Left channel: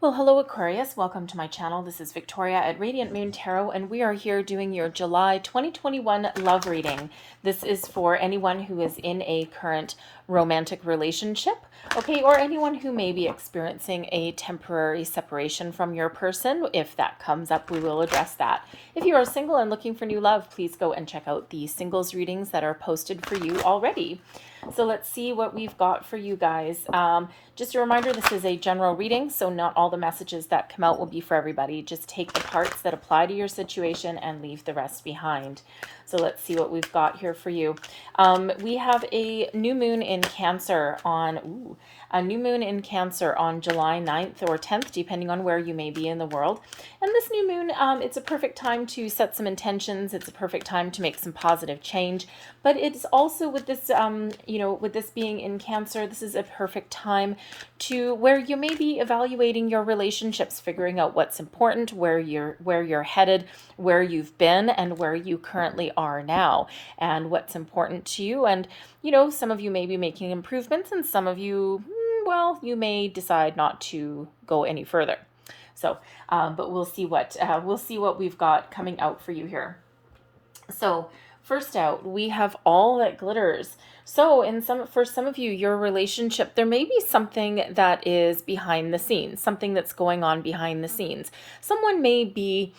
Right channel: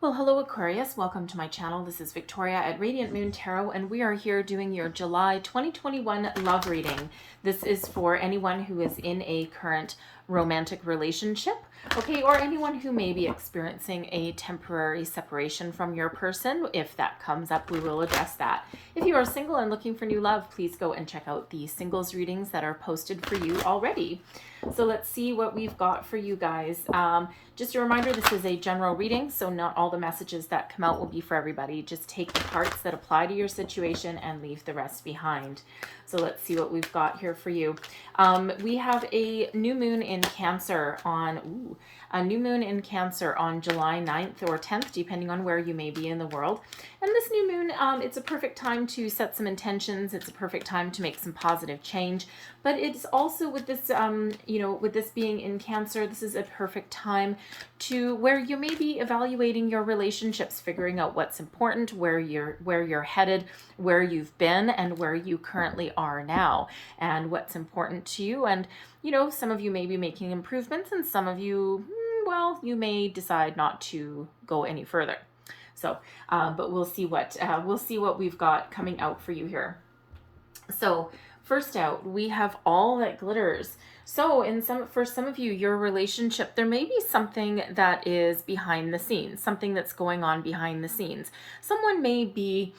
Well, hello Aquarius. Welcome to my channel. This is Victoria at Radiant Moon Tarot, and we are here doing your July 2021 love reading. This is for anyone who is in a current romantic relationship, okay, or anyone who may be experiencing a temporary separation from your person. If that comes up, we will address that. If you are single and looking for new love, please go and check out the singles readings that are posted for you already. So let's see what we've got for you guys. Just a reminder, this is a general reading, so not all the messages that come out will be for everybody. Just take the parts that apply to your situation and leave the rest behind. So let's see what we've got here for you. We have a new moon in Cancer on July 9th or 10th, depending on where you may be in the world. And this new moon, it's a perfect time to set some intentions. It's a perfect time to make some positive change. But it's also with this, with this being in Cancer, this is a perfect time to where you may be evaluating your relationships, figuring out what's important, where you're headed, where you've been, and where you currently are now, and what's important to you. And some of you may be making improvements, and some of you, well, you may decide not to go any further. So, but we'll see what we've got coming out for you here. So, first out, we have All That Glitters. So, for some of you, your relationship, there may be something that is behind the scenes, something that's going on behind the scenes. Someone may be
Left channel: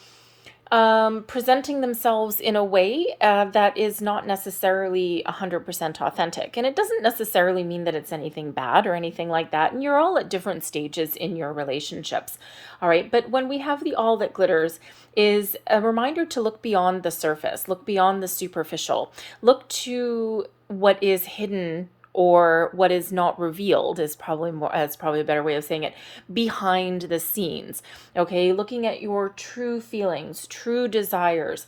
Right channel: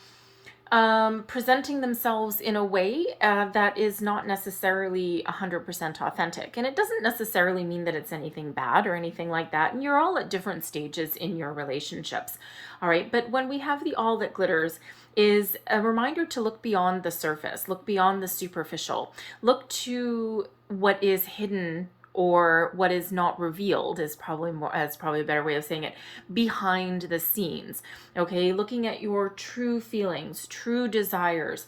presenting themselves in a way that is not necessarily 100% authentic. And it doesn't necessarily mean that it's anything bad or anything like that. And you're all at different stages in your relationships. All right. But when we have the All That Glitters is a reminder to look beyond the surface, look beyond the superficial, look to what is hidden or what is not revealed is probably a better way of saying it, behind the scenes. Okay, looking at your true feelings, true desires,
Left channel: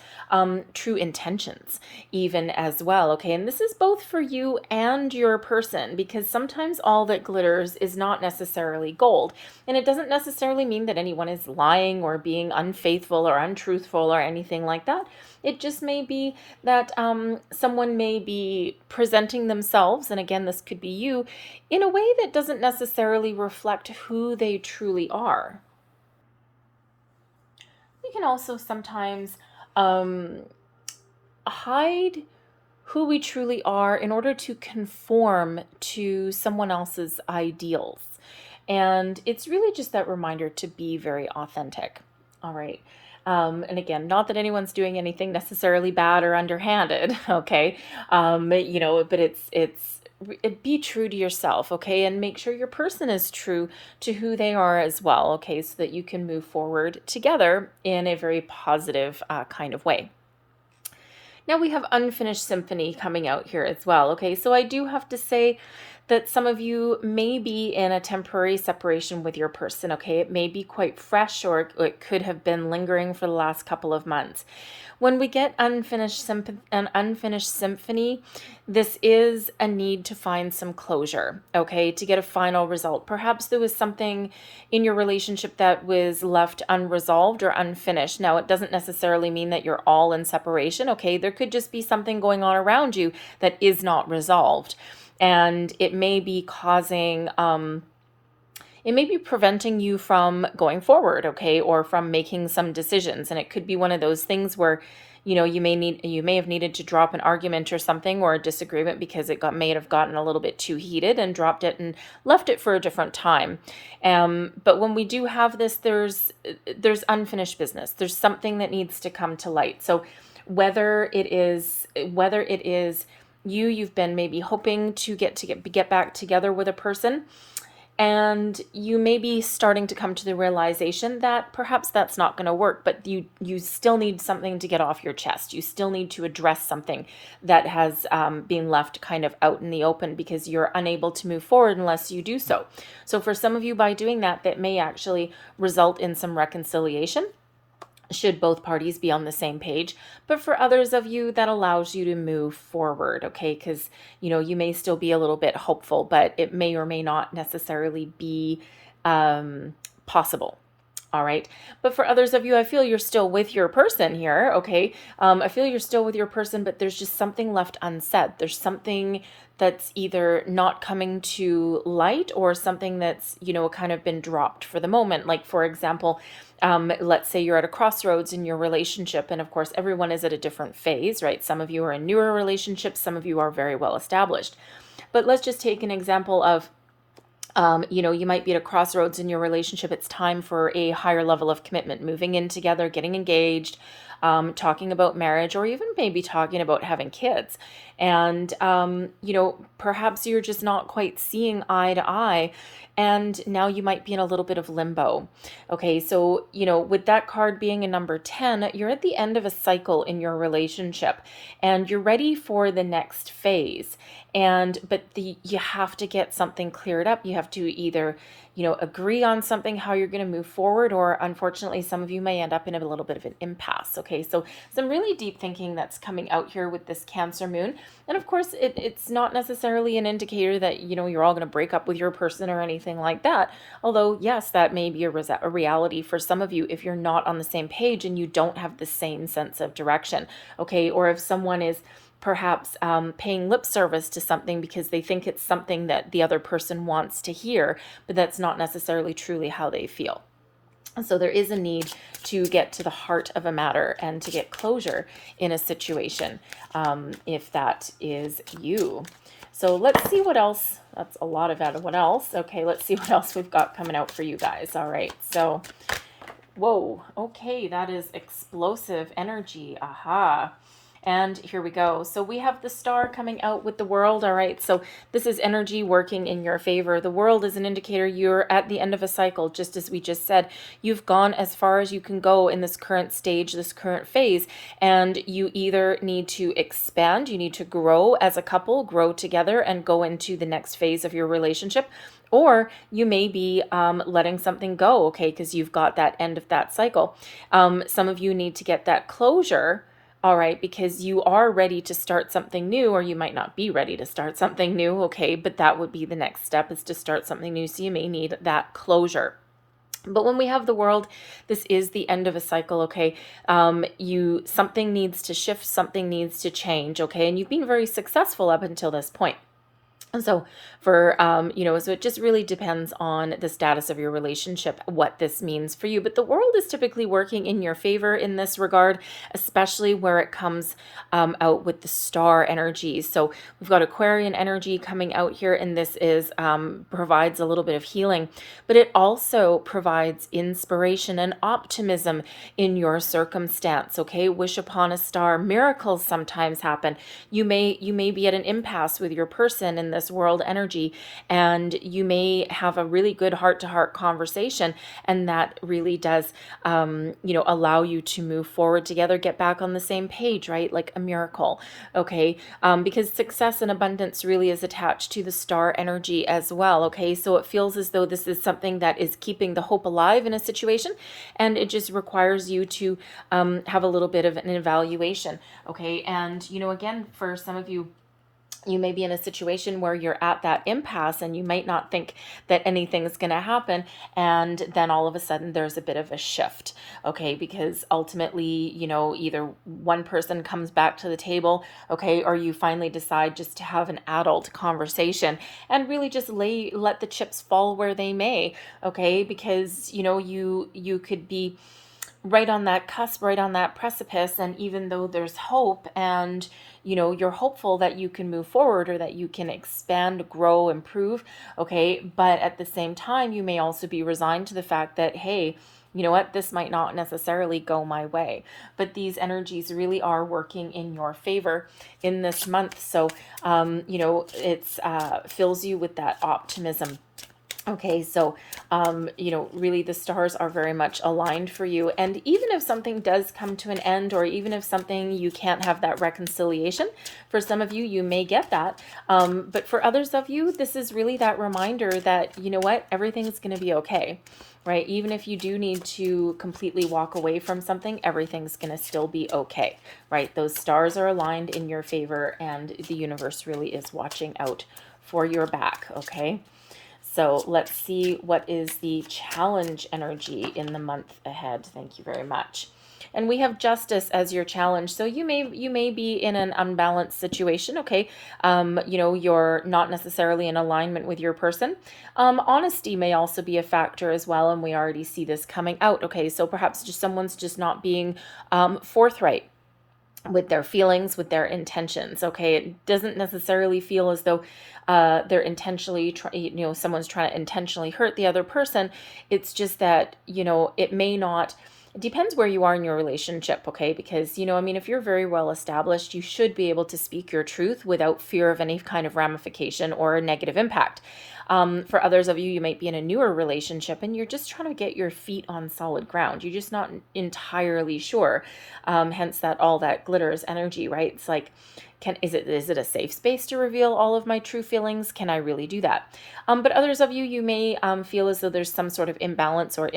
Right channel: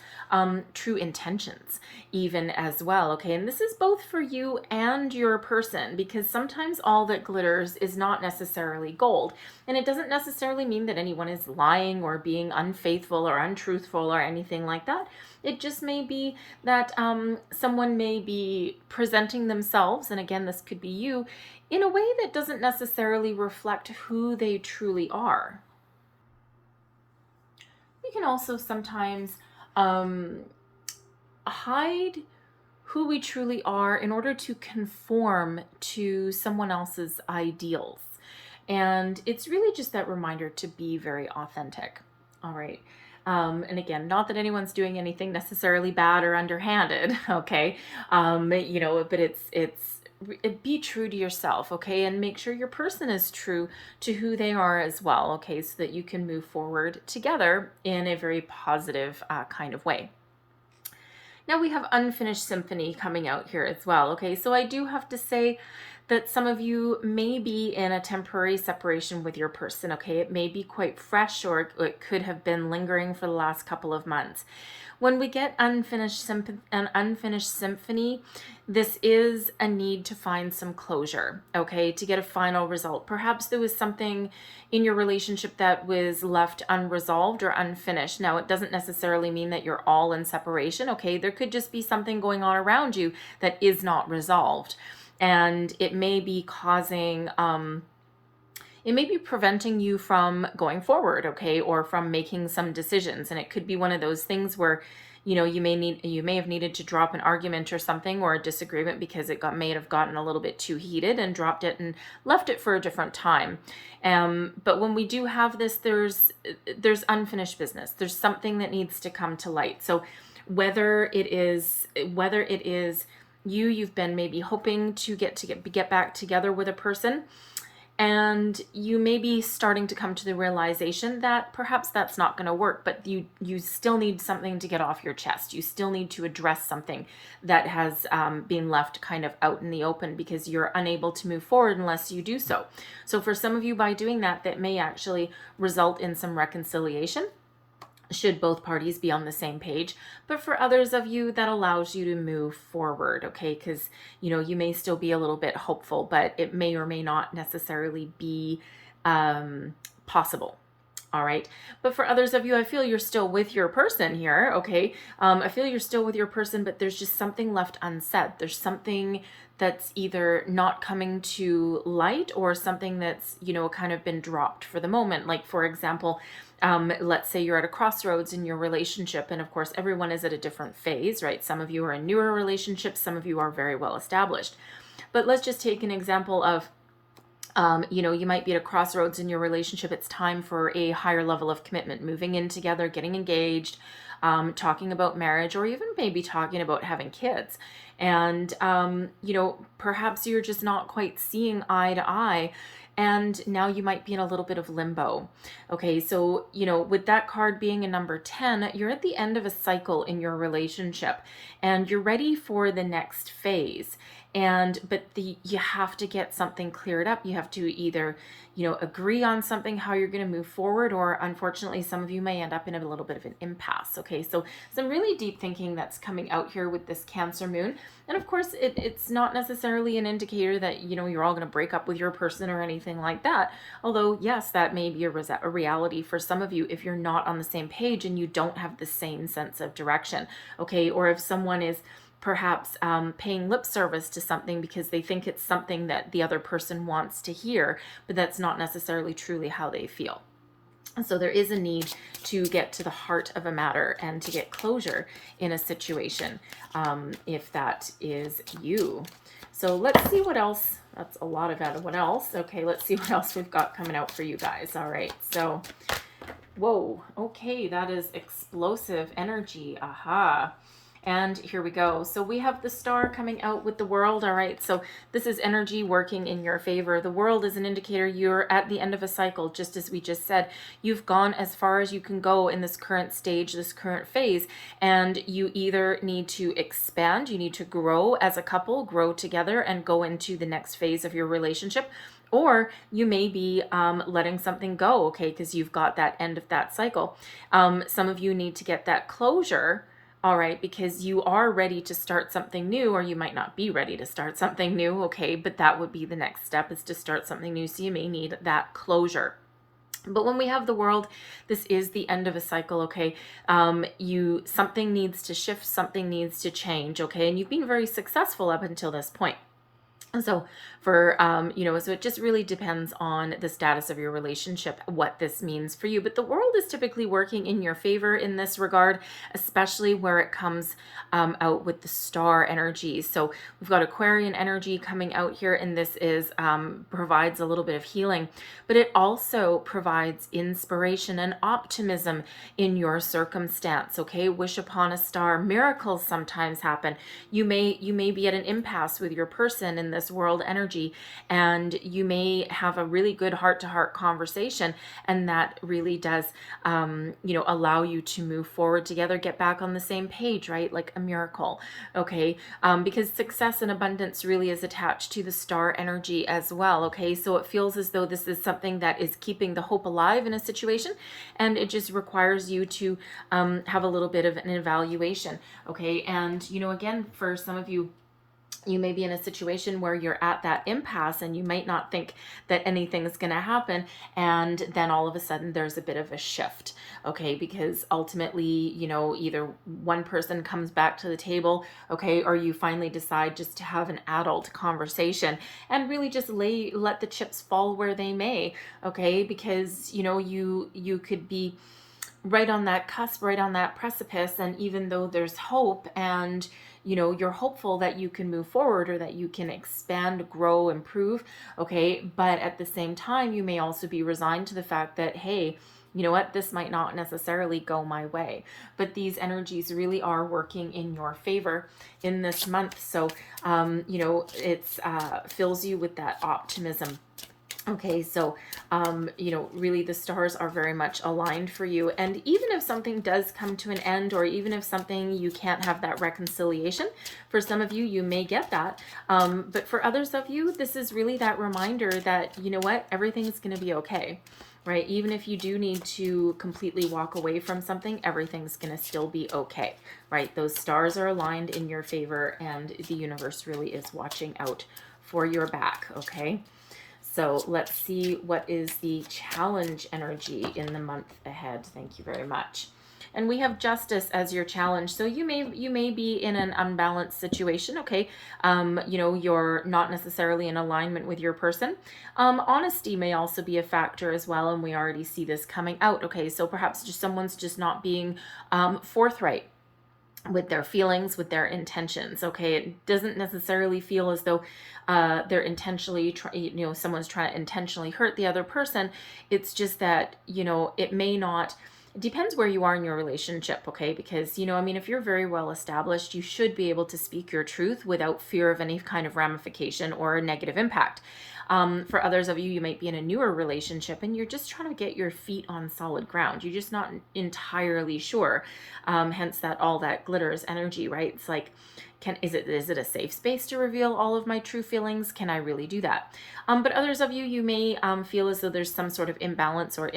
true intentions even as well. Okay, and this is both for you and your person, because sometimes all that glitters is not necessarily gold, and it doesn't necessarily mean that anyone is lying or being unfaithful or untruthful or anything like that. It just may be that someone may be presenting themselves, and again, this could be you, in a way that doesn't necessarily reflect who they truly are. We can also sometimes hide who we truly are in order to conform to someone else's ideals. And it's really just that reminder to be very authentic. All right. And again, not that anyone's doing anything necessarily bad or underhanded, okay? But it's be true to yourself, okay? And make sure your person is true to who they are as well, okay? So that you can move forward together in a very positive kind of way. Now we have Unfinished Symphony coming out here as well, okay? So I do have to say that some of you may be in a temporary separation with your person, okay? It may be quite fresh, or it could have been lingering for the last couple of months. When we get an unfinished symphony, this is a need to find some closure, okay, to get a final result. Perhaps there was something in your relationship that was left unresolved or unfinished. Now, it doesn't necessarily mean that you're all in separation, okay? There could just be something going on around you that is not resolved. And it may be causing, it may be preventing you from going forward, okay, or from making some decisions. And it could be one of those things where, you may have needed to drop an argument or something, or a disagreement, because it may have gotten a little bit too heated, and dropped it and left it for a different time. But when we do have this, there's unfinished business. There's something that needs to come to light. So whether it is you've been maybe hoping to get back together with a person, and you may be starting to come to the realization that perhaps that's not going to work, but you still need something to get off your chest. You still need to address something that has been left kind of out in the open, because you're unable to move forward unless you do so. So for some of you, by doing that, that may actually result in some reconciliation, should both parties be on the same page. But for others of you, that allows you to move forward, okay? Because, you may still be a little bit hopeful, but it may or may not necessarily be possible. All right. But for others of you, I feel you're still with your person here, okay? I feel you're still with your person, but there's just something left unsaid. There's something that's either not coming to light or something that's, kind of been dropped for the moment. Like, for example, let's say you're at a crossroads in your relationship, and of course, everyone is at a different phase, right? Some of you are in newer relationships, some of you are very well established. But let's just take an example of, you might be at a crossroads in your relationship. It's time for a higher level of commitment, moving in together, getting engaged, talking about marriage, or even maybe talking about having kids. And, perhaps you're just not quite seeing eye to eye. And now you might be in a little bit of limbo. Okay, so, with that card being a number 10, you're at the end of a cycle in your relationship and you're ready for the next phase. But you have to get something cleared up. You have to either, agree on something, how you're going to move forward, or unfortunately, some of you may end up in a little bit of an impasse. Okay, so some really deep thinking that's coming out here with this Cancer moon. And of course, it's not necessarily an indicator that, you're all going to break up with your person or anything like that. Although, yes, that may be a reality for some of you if you're not on the same page and you don't have the same sense of direction. Okay, or if someone is perhaps paying lip service to something because they think it's something that the other person wants to hear, but that's not necessarily truly how they feel. And so there is a need to get to the heart of a matter and to get closure in a situation, if that is you. So let's see what else. That's a lot of that. What else? Okay, let's see what else we've got coming out for you guys. All right, so, whoa, okay, that is explosive energy. Aha. And here we go. So we have the star coming out with the world. All right. So this is energy working in your favor. The world is an indicator you're at the end of a cycle, just as we just said. You've gone as far as you can go in this current stage, this current phase, and you either need to expand, you need to grow as a couple, grow together and go into the next phase of your relationship. Or you may be letting something go, okay, because you've got that end of that cycle. Some of you need to get that closure. All right, because you are ready to start something new, or you might not be ready to start something new, okay, but that would be the next step, is to start something new, so you may need that closure. But when we have the world, this is the end of a cycle, okay? Something needs to shift, something needs to change, okay? And you've been very successful up until this point. And so so it just really depends on the status of your relationship, what this means for you. But the world is typically working in your favor in this regard, especially where it comes out with the star energy. So we've got Aquarian energy coming out here, and this provides a little bit of healing, but it also provides inspiration and optimism in your circumstance. Okay, wish upon a star. Miracles sometimes happen. You may be at an impasse with your person in this world energy, and you may have a really good heart-to-heart conversation, and that really does allow you to move forward together, get back on the same page, right? Like a miracle. Okay, because success and abundance really is attached to the star energy as well. Okay, so it feels as though this is something that is keeping the hope alive in a situation, and it just requires you to have a little bit of an evaluation. Okay, and again, for some of you, you may be in a situation where you're at that impasse and you might not think that anything's going to happen. And then all of a sudden there's a bit of a shift. Okay. Because ultimately, either one person comes back to the table. Okay. Or you finally decide just to have an adult conversation and really just let the chips fall where they may. Okay. Because, you could be right on that cusp, right on that precipice. And even though there's hope and you're hopeful that you can move forward or that you can expand, grow, improve. Okay. But at the same time, you may also be resigned to the fact that, hey, you know what, this might not necessarily go my way. But these energies really are working in your favor in this month. So, it's fills you with that optimism. Okay, so, really the stars are very much aligned for you. And even if something does come to an end, or even if something you can't have that reconciliation, for some of you, you may get that. But for others of you, this is really that reminder that, everything's going to be okay, right? Even if you do need to completely walk away from something, everything's going to still be okay, right? Those stars are aligned in your favor, and the universe really is watching out for your back, okay? So let's see what is the challenge energy in the month ahead. Thank you very much. and we have Justice as your challenge. So you may be in an unbalanced situation, okay? You know, you're not necessarily in alignment with your person. Honesty may also be a factor as well, and we already see this coming out, okay? So perhaps just someone's just not being forthright with their feelings, with their intentions, okay? It doesn't necessarily feel as though they're intentionally, you know, someone's trying to intentionally hurt the other person. It's just that, you know, it may not, it depends where you are in your relationship, okay? Because, you know, I mean, if you're very well established, you should be able to speak your truth without fear of any kind of ramification or a negative impact. For others of you, you might be in a newer relationship and you're just trying to get your feet on solid ground. You're just not entirely sure. Hence that all that glitters energy, right? It's like, is it a safe space to reveal all of my true feelings? Can I really do that? But others of you, you may feel as though there's some sort of imbalance or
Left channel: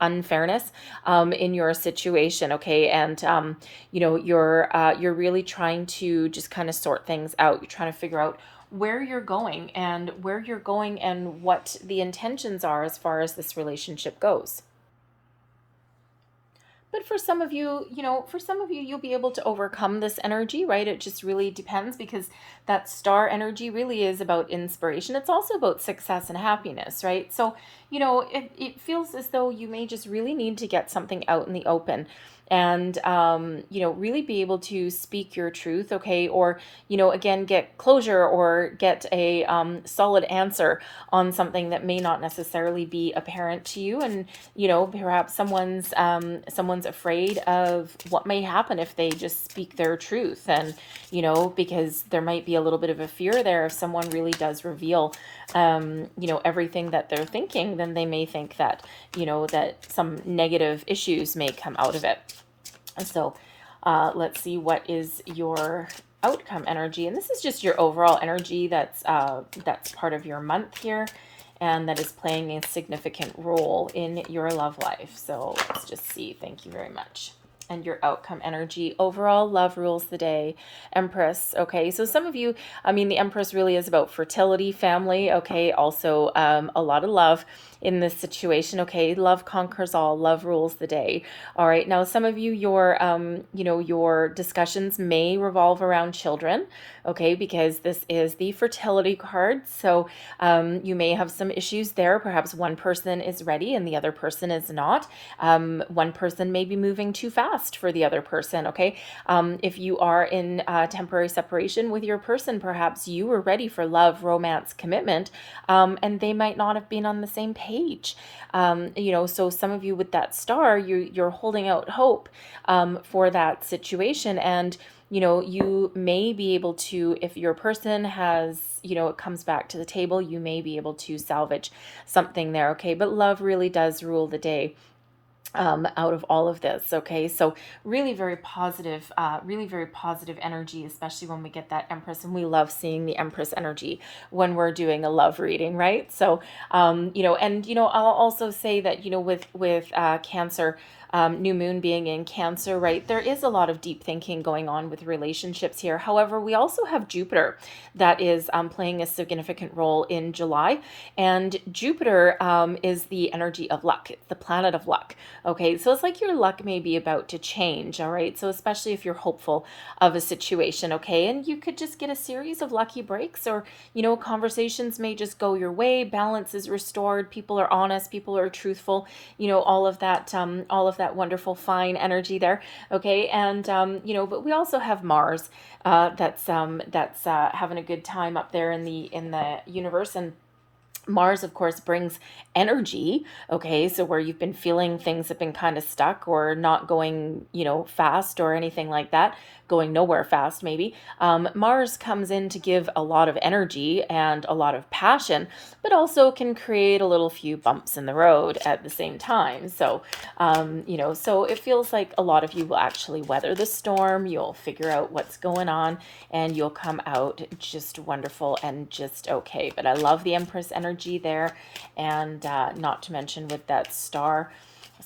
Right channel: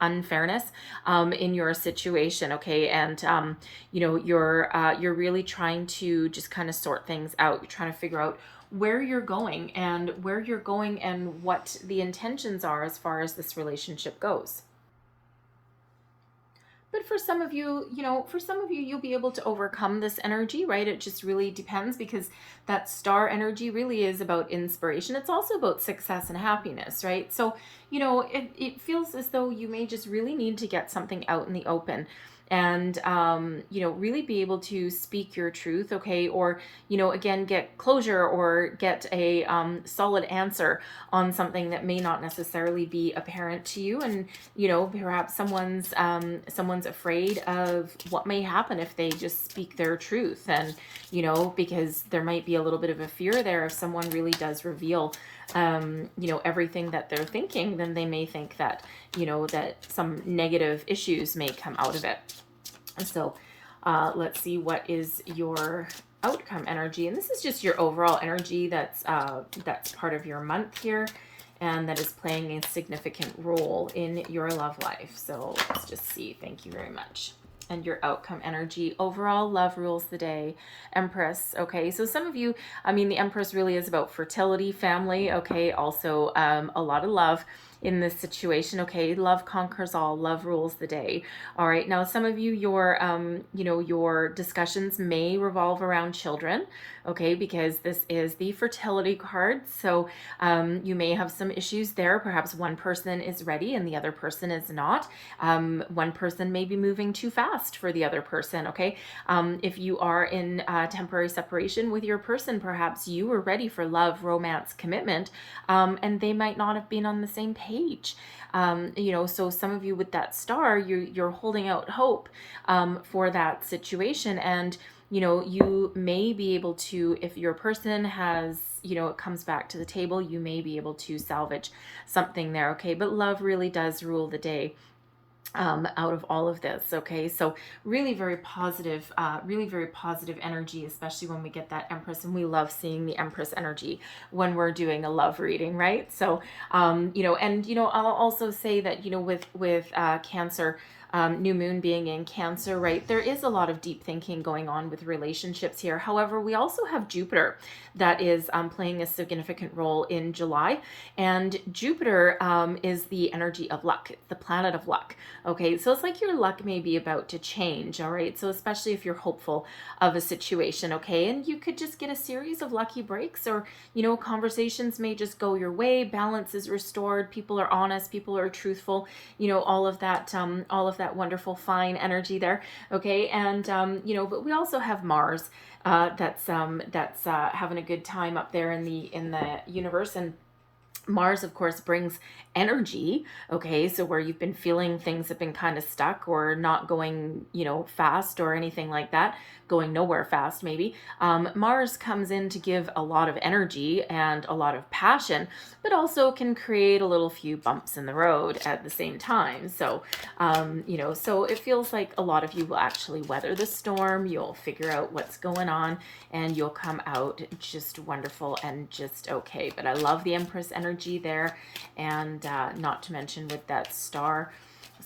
unfairness in your situation, okay? And you know, you're really trying to just kind of sort things out. You're trying to figure out where you're going and what the intentions are as far as this relationship goes. But for some of you, you know, for some of you, you'll be able to overcome this energy, right? It just really depends, because that star energy really is about inspiration. It's also about success and happiness, right? So, you know, it feels as though you may just really need to get something out in the open and, you know, really be able to speak your truth, okay? Or, you know, again, get closure or get a solid answer on something that may not necessarily be apparent to you. And, you know, perhaps someone's afraid of what may happen if they just speak their truth. And, you know, because there might be a little bit of a fear there. If someone really does reveal, you know, everything that they're thinking, then they may think that, you know, that some negative issues may come out of it. So let's see, what is your outcome energy? And this is just your overall energy that's part of your month here, and that is playing a significant role in your love life. So let's just see. Thank you very much. And your outcome energy, overall love rules the day. Empress, okay? So some of you, I mean, the Empress really is about fertility, family, okay? Also a lot of love in this situation, okay? Love conquers all, love rules the day. All right, now some of you, your you know, your discussions may revolve around children, okay? Because this is the fertility card. So you may have some issues there. Perhaps one person is ready and the other person is not. One person may be moving too fast for the other person, okay? If you are in temporary separation with your person, perhaps you were ready for love, romance, commitment, and they might not have been on the same page. You know, so some of you with that star, you're holding out hope for that situation. And, you know, you may be able to, if your person has, you know, it comes back to the table, you may be able to salvage something there, okay? But love really does rule the day out of all of this, okay? So really very positive energy, especially when we get that Empress, and we love seeing the Empress energy when we're doing a love reading, right? So you know, and you know, I'll also say that, you know, with Cancer, new moon being in Cancer, right, there is a lot of deep thinking going on with relationships here. However, we also have Jupiter that is playing a significant role in July, and Jupiter is the energy of luck. It's the planet of luck, okay? So it's like your luck may be about to change, all right? So especially if you're hopeful of a situation, okay? And you could just get a series of lucky breaks, or, you know, conversations may just go your way, balance is restored, people are honest, people are truthful, you know, all of that wonderful fine energy there, okay? And you know, but we also have Mars that's having a good time up there in the universe. And Mars, of course, brings energy, okay? So where you've been feeling things have been kind of stuck or not going, you know, fast or anything like that, going nowhere fast maybe. Mars comes in to give a lot of energy and a lot of passion, but also can create a little few bumps in the road at the same time. So, you know, so it feels like a lot of you will actually weather the storm. You'll figure out what's going on and you'll come out just wonderful and just okay. But I love the Empress energy there, and not to mention with that star.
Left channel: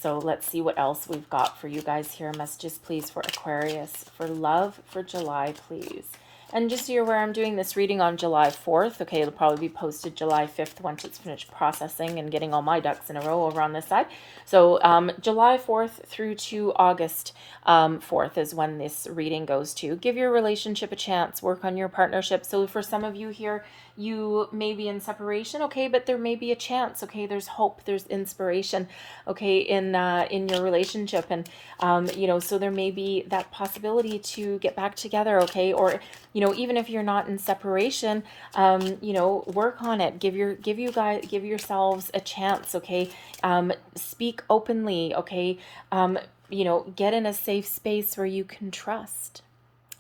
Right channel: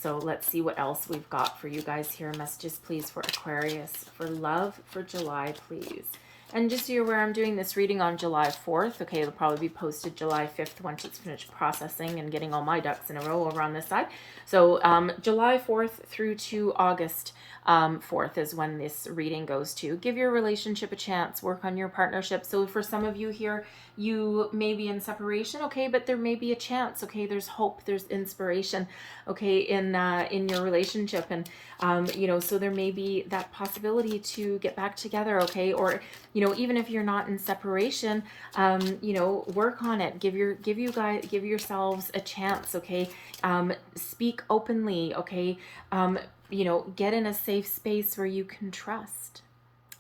So let's see what else we've got for you guys here. Messages, please, for Aquarius, for love, for July, please. And just so you're aware, I'm doing this reading on July 4th. Okay, it'll probably be posted July 5th once it's finished processing and getting all my ducks in a row over on this side. So July 4th through to August 4th is when this reading goes to. Give your relationship a chance. Work on your partnership. So for some of you here, you may be in separation, okay, but there may be a chance, okay, there's hope, there's inspiration, okay, in your relationship, and so there may be that possibility to get back together, okay, or even if you're not in separation, work on it. Give yourselves a chance, okay. Speak openly, okay. Get in a safe space where you can trust.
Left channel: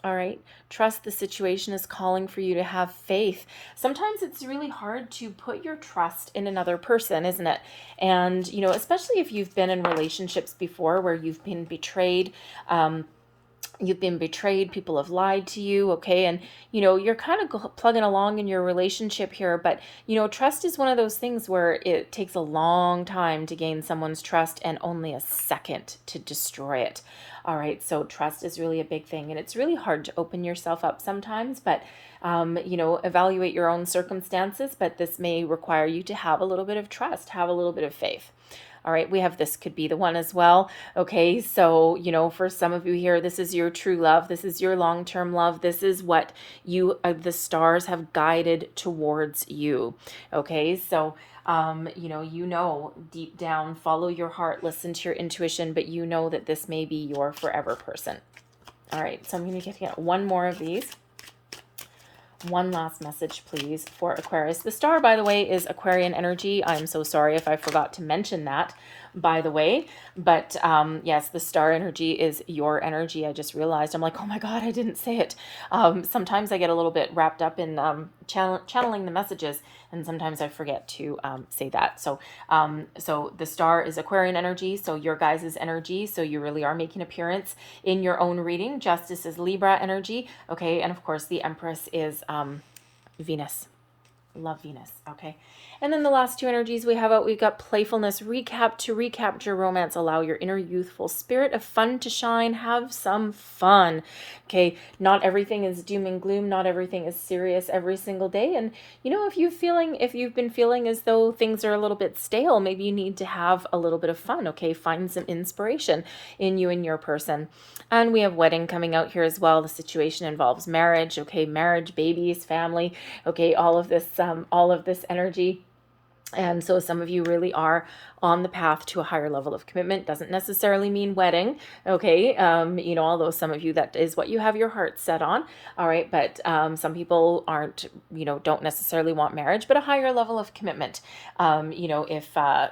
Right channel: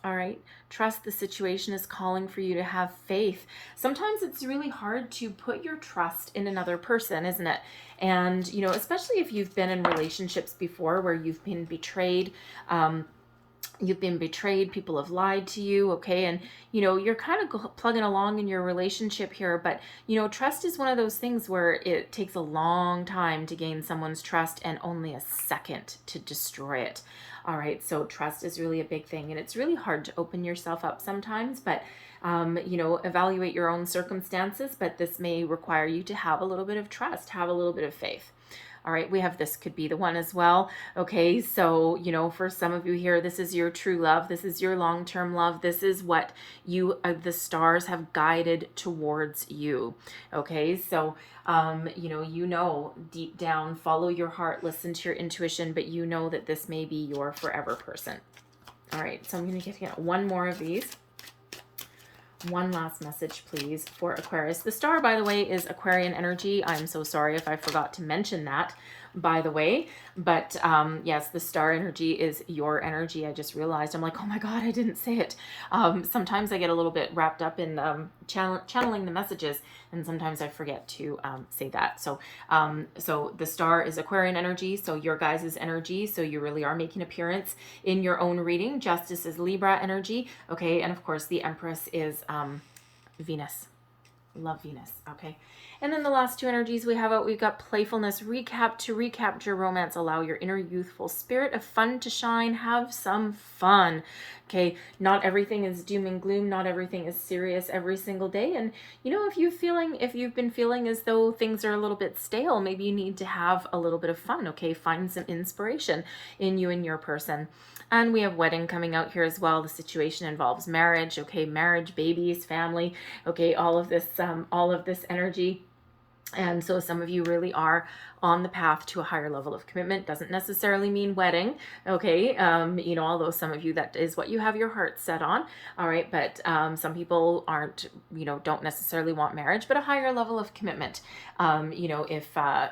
All right. Trust the situation is calling for you to have faith. Sometimes it's really hard to put your trust in another person, isn't it? And, especially if you've been in relationships before where you've been betrayed, people have lied to you, okay, and you're kind of plugging along in your relationship here, but trust is one of those things where it takes a long time to gain someone's trust and only a second to destroy it. All right, so trust is really a big thing, and it's really hard to open yourself up sometimes, but evaluate your own circumstances, but this may require you to have a little bit of trust, have a little bit of faith. All right, we have this could be the one as well. Okay, so, for some of you here, this is your true love. This is your long-term love. This is what the stars have guided towards you. Okay, so, deep down, follow your heart, listen to your intuition, but that this may be your forever person. All right, so I'm going to get one more of these. One last message, please, for Aquarius. The star, by the way, is Aquarian energy. I'm so sorry if I forgot to mention that, by the way. But yes, the star energy is your energy. I just realized. I'm like, oh my God, I didn't say it. Sometimes I get a little bit wrapped up in channeling the messages, and sometimes I forget to say that. So the star is Aquarian energy, so your guys' energy. So you really are making an appearance in your own reading. Justice is Libra energy, okay, and of course the Empress is Venus. Love Venus, okay. And then the last two energies we have out, we've got playfulness, to recapture romance, allow your inner youthful spirit of fun to shine, have some fun, okay? Not everything is doom and gloom, not everything is serious every single day, and if you've been feeling as though things are a little bit stale, maybe you need to have a little bit of fun, okay? Find some inspiration in you and your person. And we have wedding coming out here as well. The situation involves marriage, okay? Marriage, babies, family, okay? All of this energy. And so some of you really are on the path to a higher level of commitment. Doesn't necessarily mean wedding, okay? Although some of you, that is what you have your heart set on, all right? But some people aren't, don't necessarily want marriage, but a higher level of commitment, if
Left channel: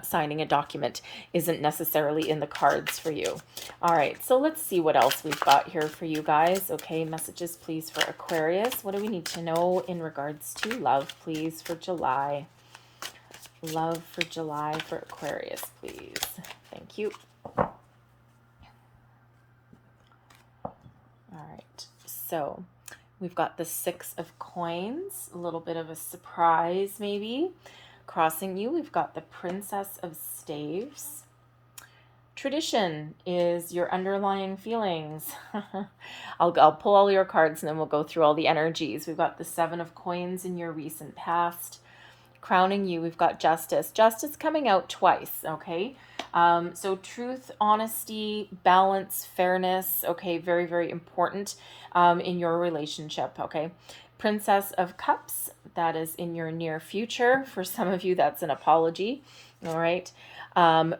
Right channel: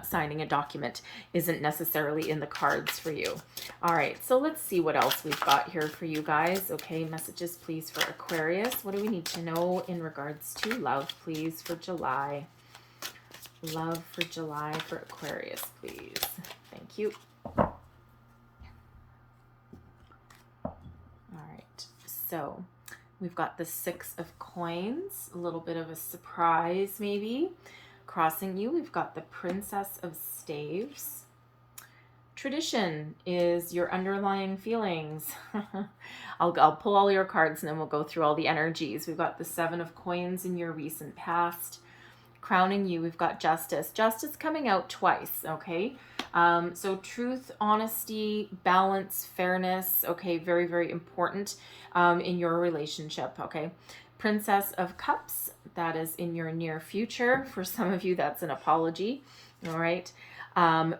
signing a document isn't necessarily in the cards for you. All right, so let's see what else we've got here for you guys. Okay, messages, please, for Aquarius. What do we need to know in regards to love, please, for July? Love for July for Aquarius, please. Thank you. All right, so we've got the Six of Coins, a little bit of a surprise maybe crossing you. We've got the Princess of Staves. Tradition is your underlying feelings. I'll pull all your cards and then we'll go through all the energies. We've got the Seven of Coins in your recent past. Crowning you, we've got justice. Justice coming out twice, okay? So truth, honesty, balance, fairness, okay, very, very important in your relationship, okay? Princess of Cups, that is in your near future. For some of you, that's an apology, all right?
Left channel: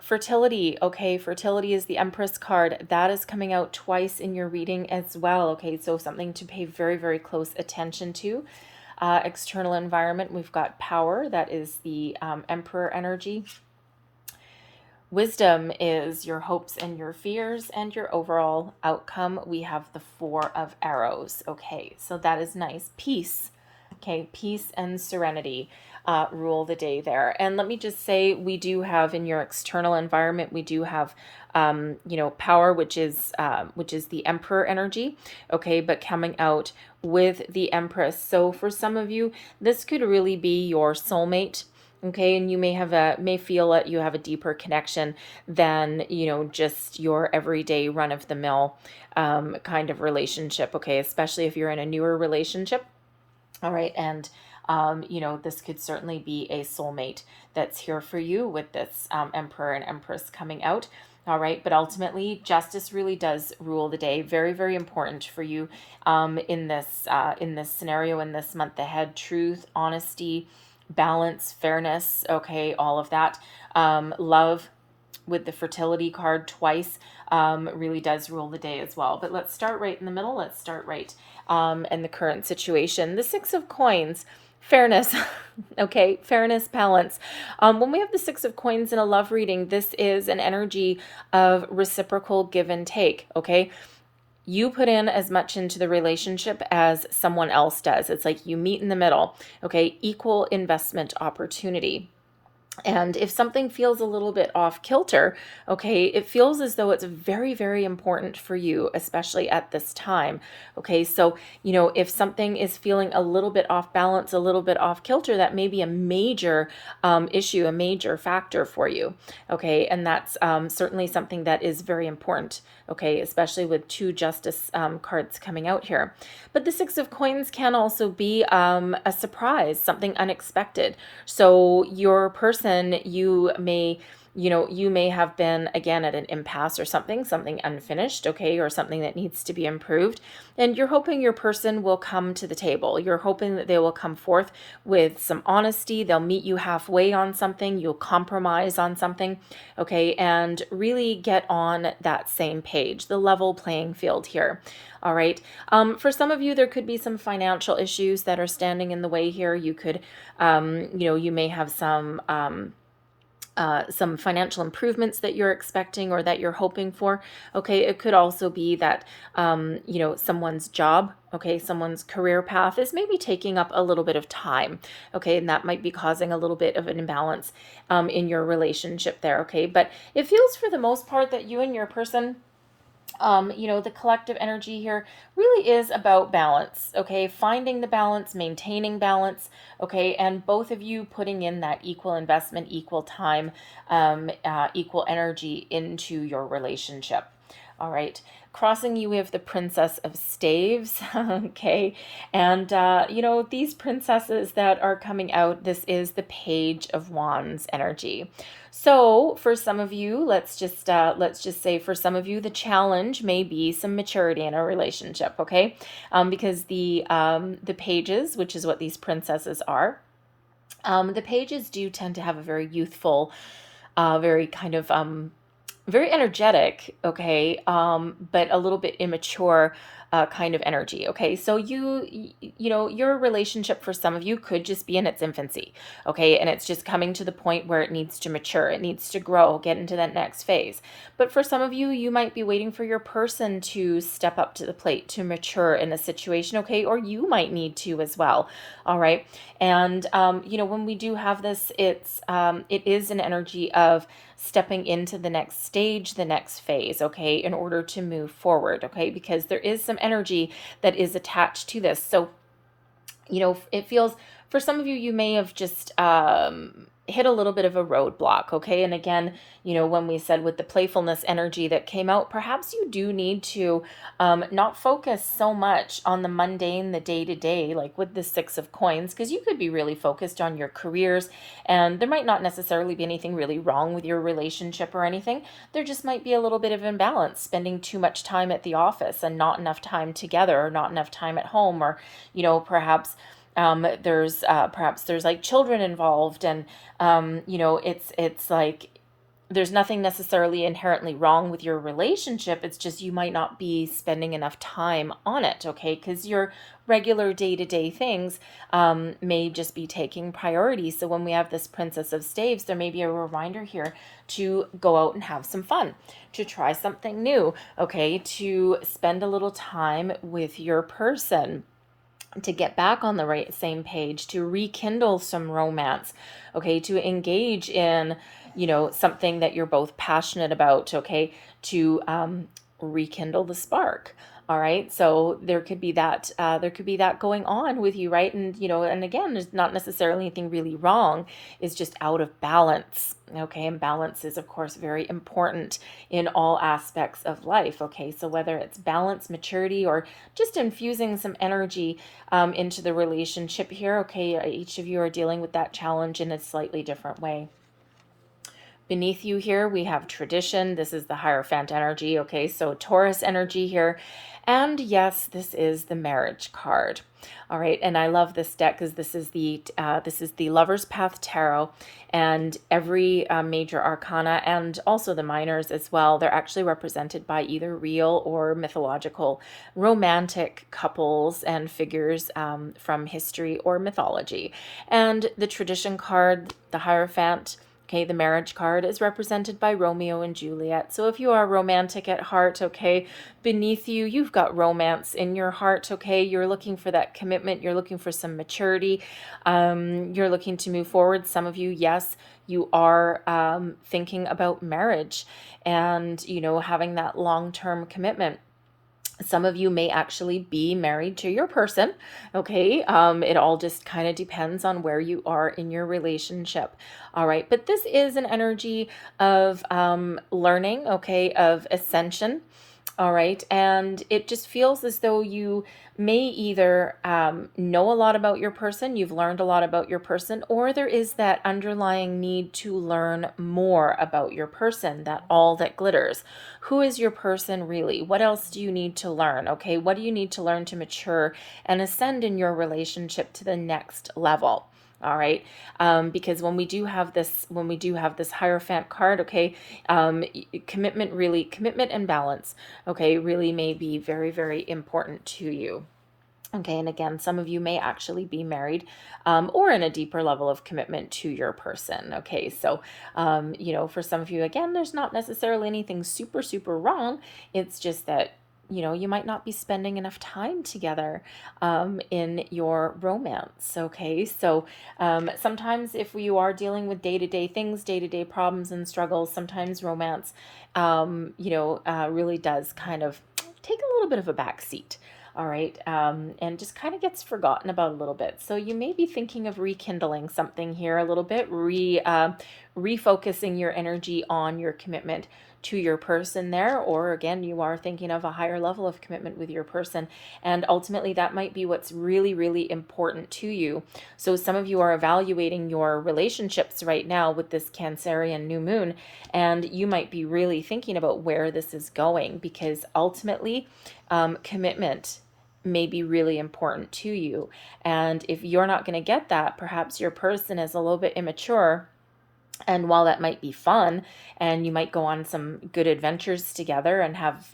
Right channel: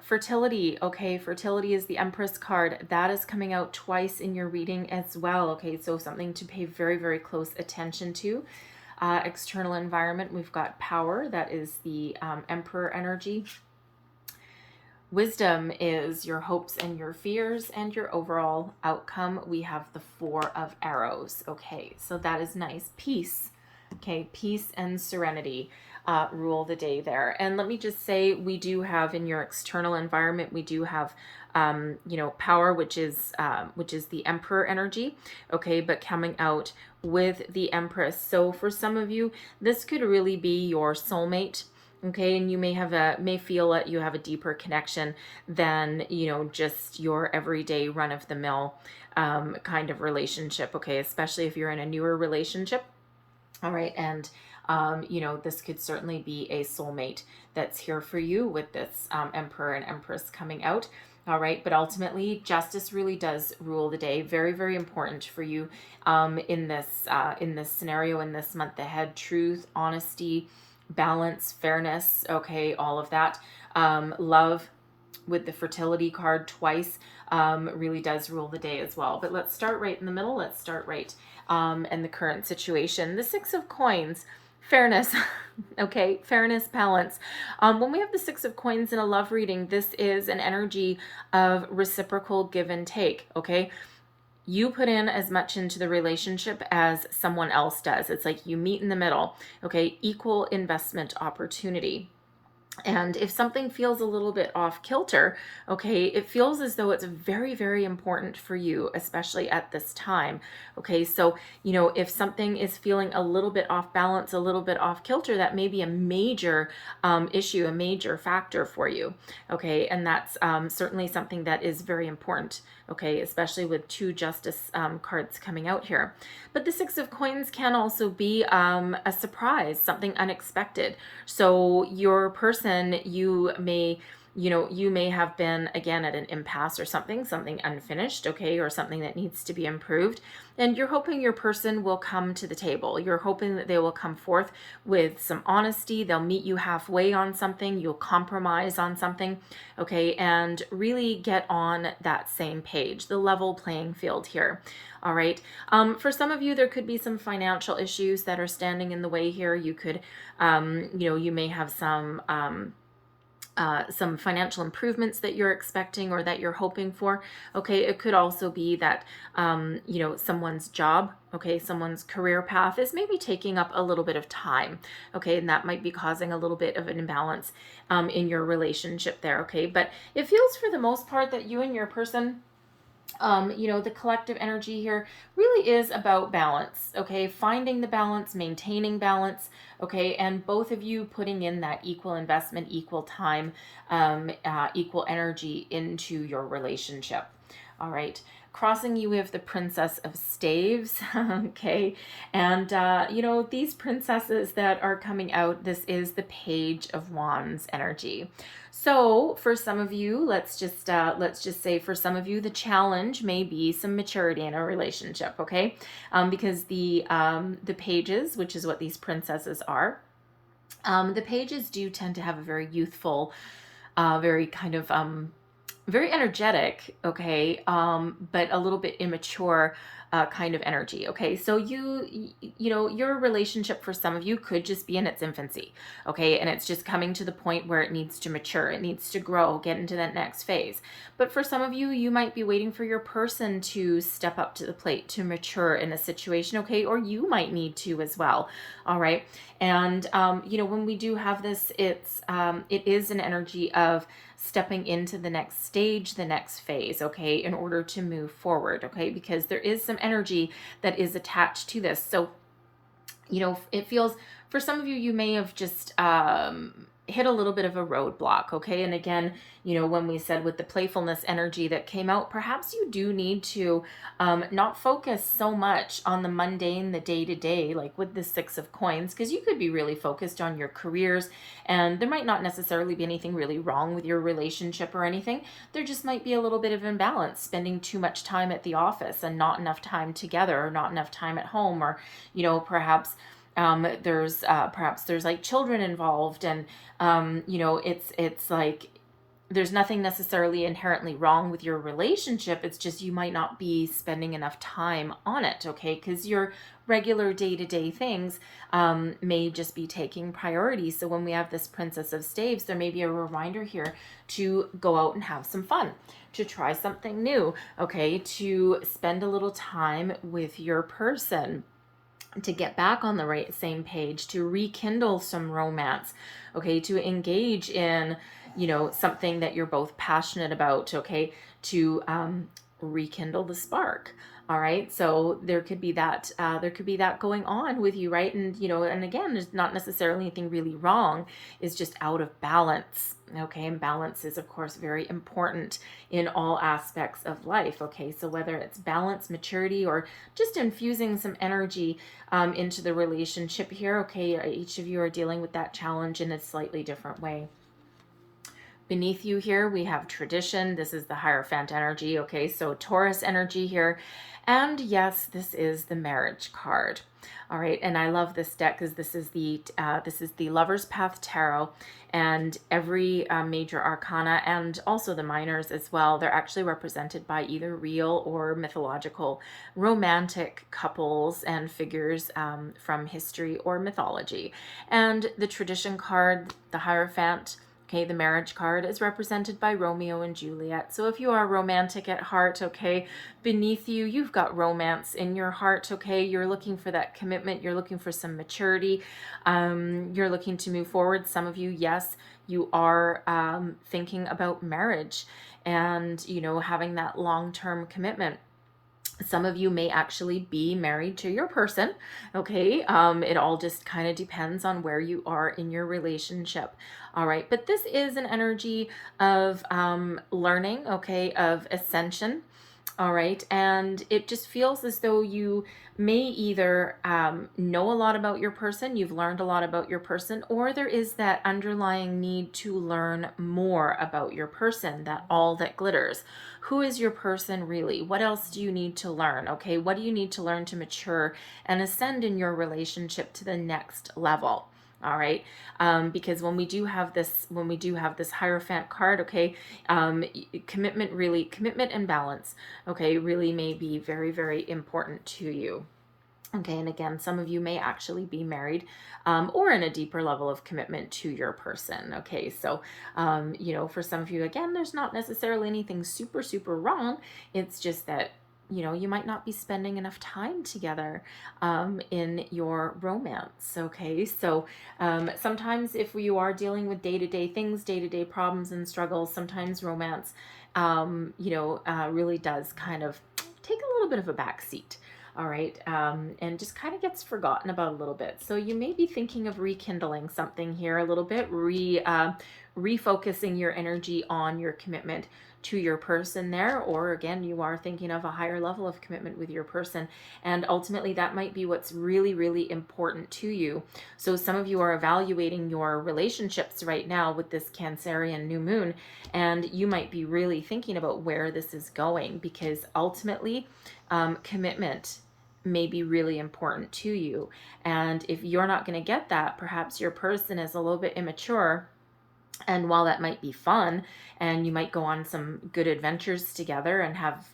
Fertility, okay, fertility is the Empress card. That is coming out twice in your reading as well, okay? So something to pay very, very close attention to. External environment, we've got power, that is the Emperor energy. Wisdom is your hopes and your fears and your overall outcome. We have the Four of Arrows. Okay, so that is nice. Peace, okay, peace and serenity rule the day there. And let me just say, we do have in your external environment, we do have power, which is the Emperor energy, okay, but coming out with the Empress. So for some of you, this could really be your soulmate, okay, and you may feel that you have a deeper connection than just your everyday run-of-the-mill kind of relationship, okay, especially if you're in a newer relationship. All right. And, this could certainly be a soulmate that's here for you with this Emperor and Empress coming out. All right. But ultimately, justice really does rule the day. Very, very important for you in this scenario, in this month ahead. Truth, honesty, balance, fairness. Okay. All of that. Love with the fertility card twice really does rule the day as well. But let's start right in the middle. Let's start right in the current situation. The Six of Coins, fairness. Okay, fairness, balance. When we have the Six of Coins in a love reading, this is an energy of reciprocal give and take. Okay, you put in as much into the relationship as someone else does. It's like you meet in the middle. Okay, equal investment opportunity. And if something feels a little bit off kilter, okay, it feels as though it's very, very important for you, especially at this time. Okay, so, if something is feeling a little bit off balance, a little bit off kilter, that may be a major issue, a major factor for you. Okay, and that's certainly something that is very important. Okay, especially with two justice cards coming out here. But the Six of Coins can also be a surprise, something unexpected. So your person, you may have been again at an impasse or something unfinished, okay, or something that needs to be improved. And you're hoping your person will come to the table. You're hoping that they will come forth with some honesty. They'll meet you halfway on something. You'll compromise on something, okay, and really get on that same page, the level playing field here. All right. For some of you, there could be some financial issues that are standing in the way here. You could, you may have some financial improvements that you're expecting or that you're hoping for. Okay, it could also be that someone's job, okay, someone's career path is maybe taking up a little bit of time. Okay, and that might be causing a little bit of an imbalance in your relationship there. Okay, but it feels for the most part that you and your person, the collective energy here really is about balance, okay? Finding the balance, maintaining balance, okay? And both of you putting in that equal investment, equal time, equal energy into your relationship. All right. Crossing you, we have the Princess of Staves, okay? And, these princesses that are coming out, this is the Page of Wands energy. So for some of you, let's just say for some of you, the challenge may be some maturity in a relationship, okay? Because the pages, which is what these princesses are, the pages do tend to have a very youthful, very kind of very energetic, okay, but a little bit immature kind of energy, okay? So your relationship for some of you could just be in its infancy, okay? And it's just coming to the point where it needs to mature, it needs to grow, get into that next phase. But for some of you, you might be waiting for your person to step up to the plate, to mature in a situation, okay? Or you might need to as well, all right? And, when we do have this, it is an energy of stepping into the next stage, the next phase, okay, in order to move forward, okay, because there is some energy that is attached to this. So, it feels, for some of you, you may have just hit a little bit of a roadblock, okay? And again, when we said with the playfulness energy that came out, perhaps you do need to not focus so much on the mundane, the day-to-day, like with the Six of Coins, because you could be really focused on your careers, and there might not necessarily be anything really wrong with your relationship or anything. There just might be a little bit of imbalance, spending too much time at the office and not enough time together, or not enough time at home, or, perhaps there's like children involved, and it's like there's nothing necessarily inherently wrong with your relationship. It's just you might not be spending enough time on it, okay? Because your regular day-to-day things may just be taking priority. So when we have this Princess of Staves, there may be a reminder here to go out and have some fun, to try something new, okay? To spend a little time with your person, to get back on the same page, to rekindle some romance, okay, to engage in, something that you're both passionate about, okay, to rekindle the spark. All right, so there could be that going on with you, right? And and again, there's not necessarily anything really wrong. It's just out of balance. Okay, and balance is of course very important in all aspects of life. Okay, so whether it's balance, maturity, or just infusing some energy into the relationship here. Okay, each of you are dealing with that challenge in a slightly different way. Beneath you here, we have tradition. This is the Hierophant energy. Okay, so Taurus energy here. And yes, this is the marriage card. All right, and I love this deck because this is the Lover's Path Tarot, and every major arcana and also the minors as well. They're actually represented by either real or mythological romantic couples and figures from history or mythology. And the tradition card, the Hierophant. Okay, the marriage card is represented by Romeo and Juliet. So if you are romantic at heart, okay, beneath you, you've got romance in your heart, okay? You're looking for that commitment. You're looking for some maturity. You're looking to move forward. Some of you, yes, you are thinking about marriage and, having that long-term commitment. Some of you may actually be married to your person, okay? It all just kind of depends on where you are in your relationship. All right, but this is an energy of learning, okay, of ascension. All right, and it just feels as though you may either know a lot about your person, you've learned a lot about your person, or there is that underlying need to learn more about your person, that all that glitters. Who is your person really? What else do you need to learn? Okay, what do you need to learn to mature and ascend in your relationship to the next level? All right, because when we do have this Hierophant card, okay, commitment and balance, okay, really may be very, very important to you. Okay, and again, some of you may actually be married or in a deeper level of commitment to your person. Okay, so, for some of you, again, there's not necessarily anything super, super wrong. It's just that, you might not be spending enough time together in your romance. Okay, so sometimes if you are dealing with day-to-day things, day-to-day problems and struggles, sometimes romance, really does kind of take a little bit of a back seat. All right, and just kind of gets forgotten about a little bit. So you may be thinking of rekindling something here a little bit, refocusing your energy on your commitment to your person there, or again, you are thinking of a higher level of commitment with your person, and ultimately that might be what's really, really important to you. So some of you are evaluating your relationships right now with this Cancerian new moon, and you might be really thinking about where this is going, because ultimately commitment may be really important to you. And if you're not going to get that, perhaps your person is a little bit immature. And while that might be fun, and you might go on some good adventures together and have,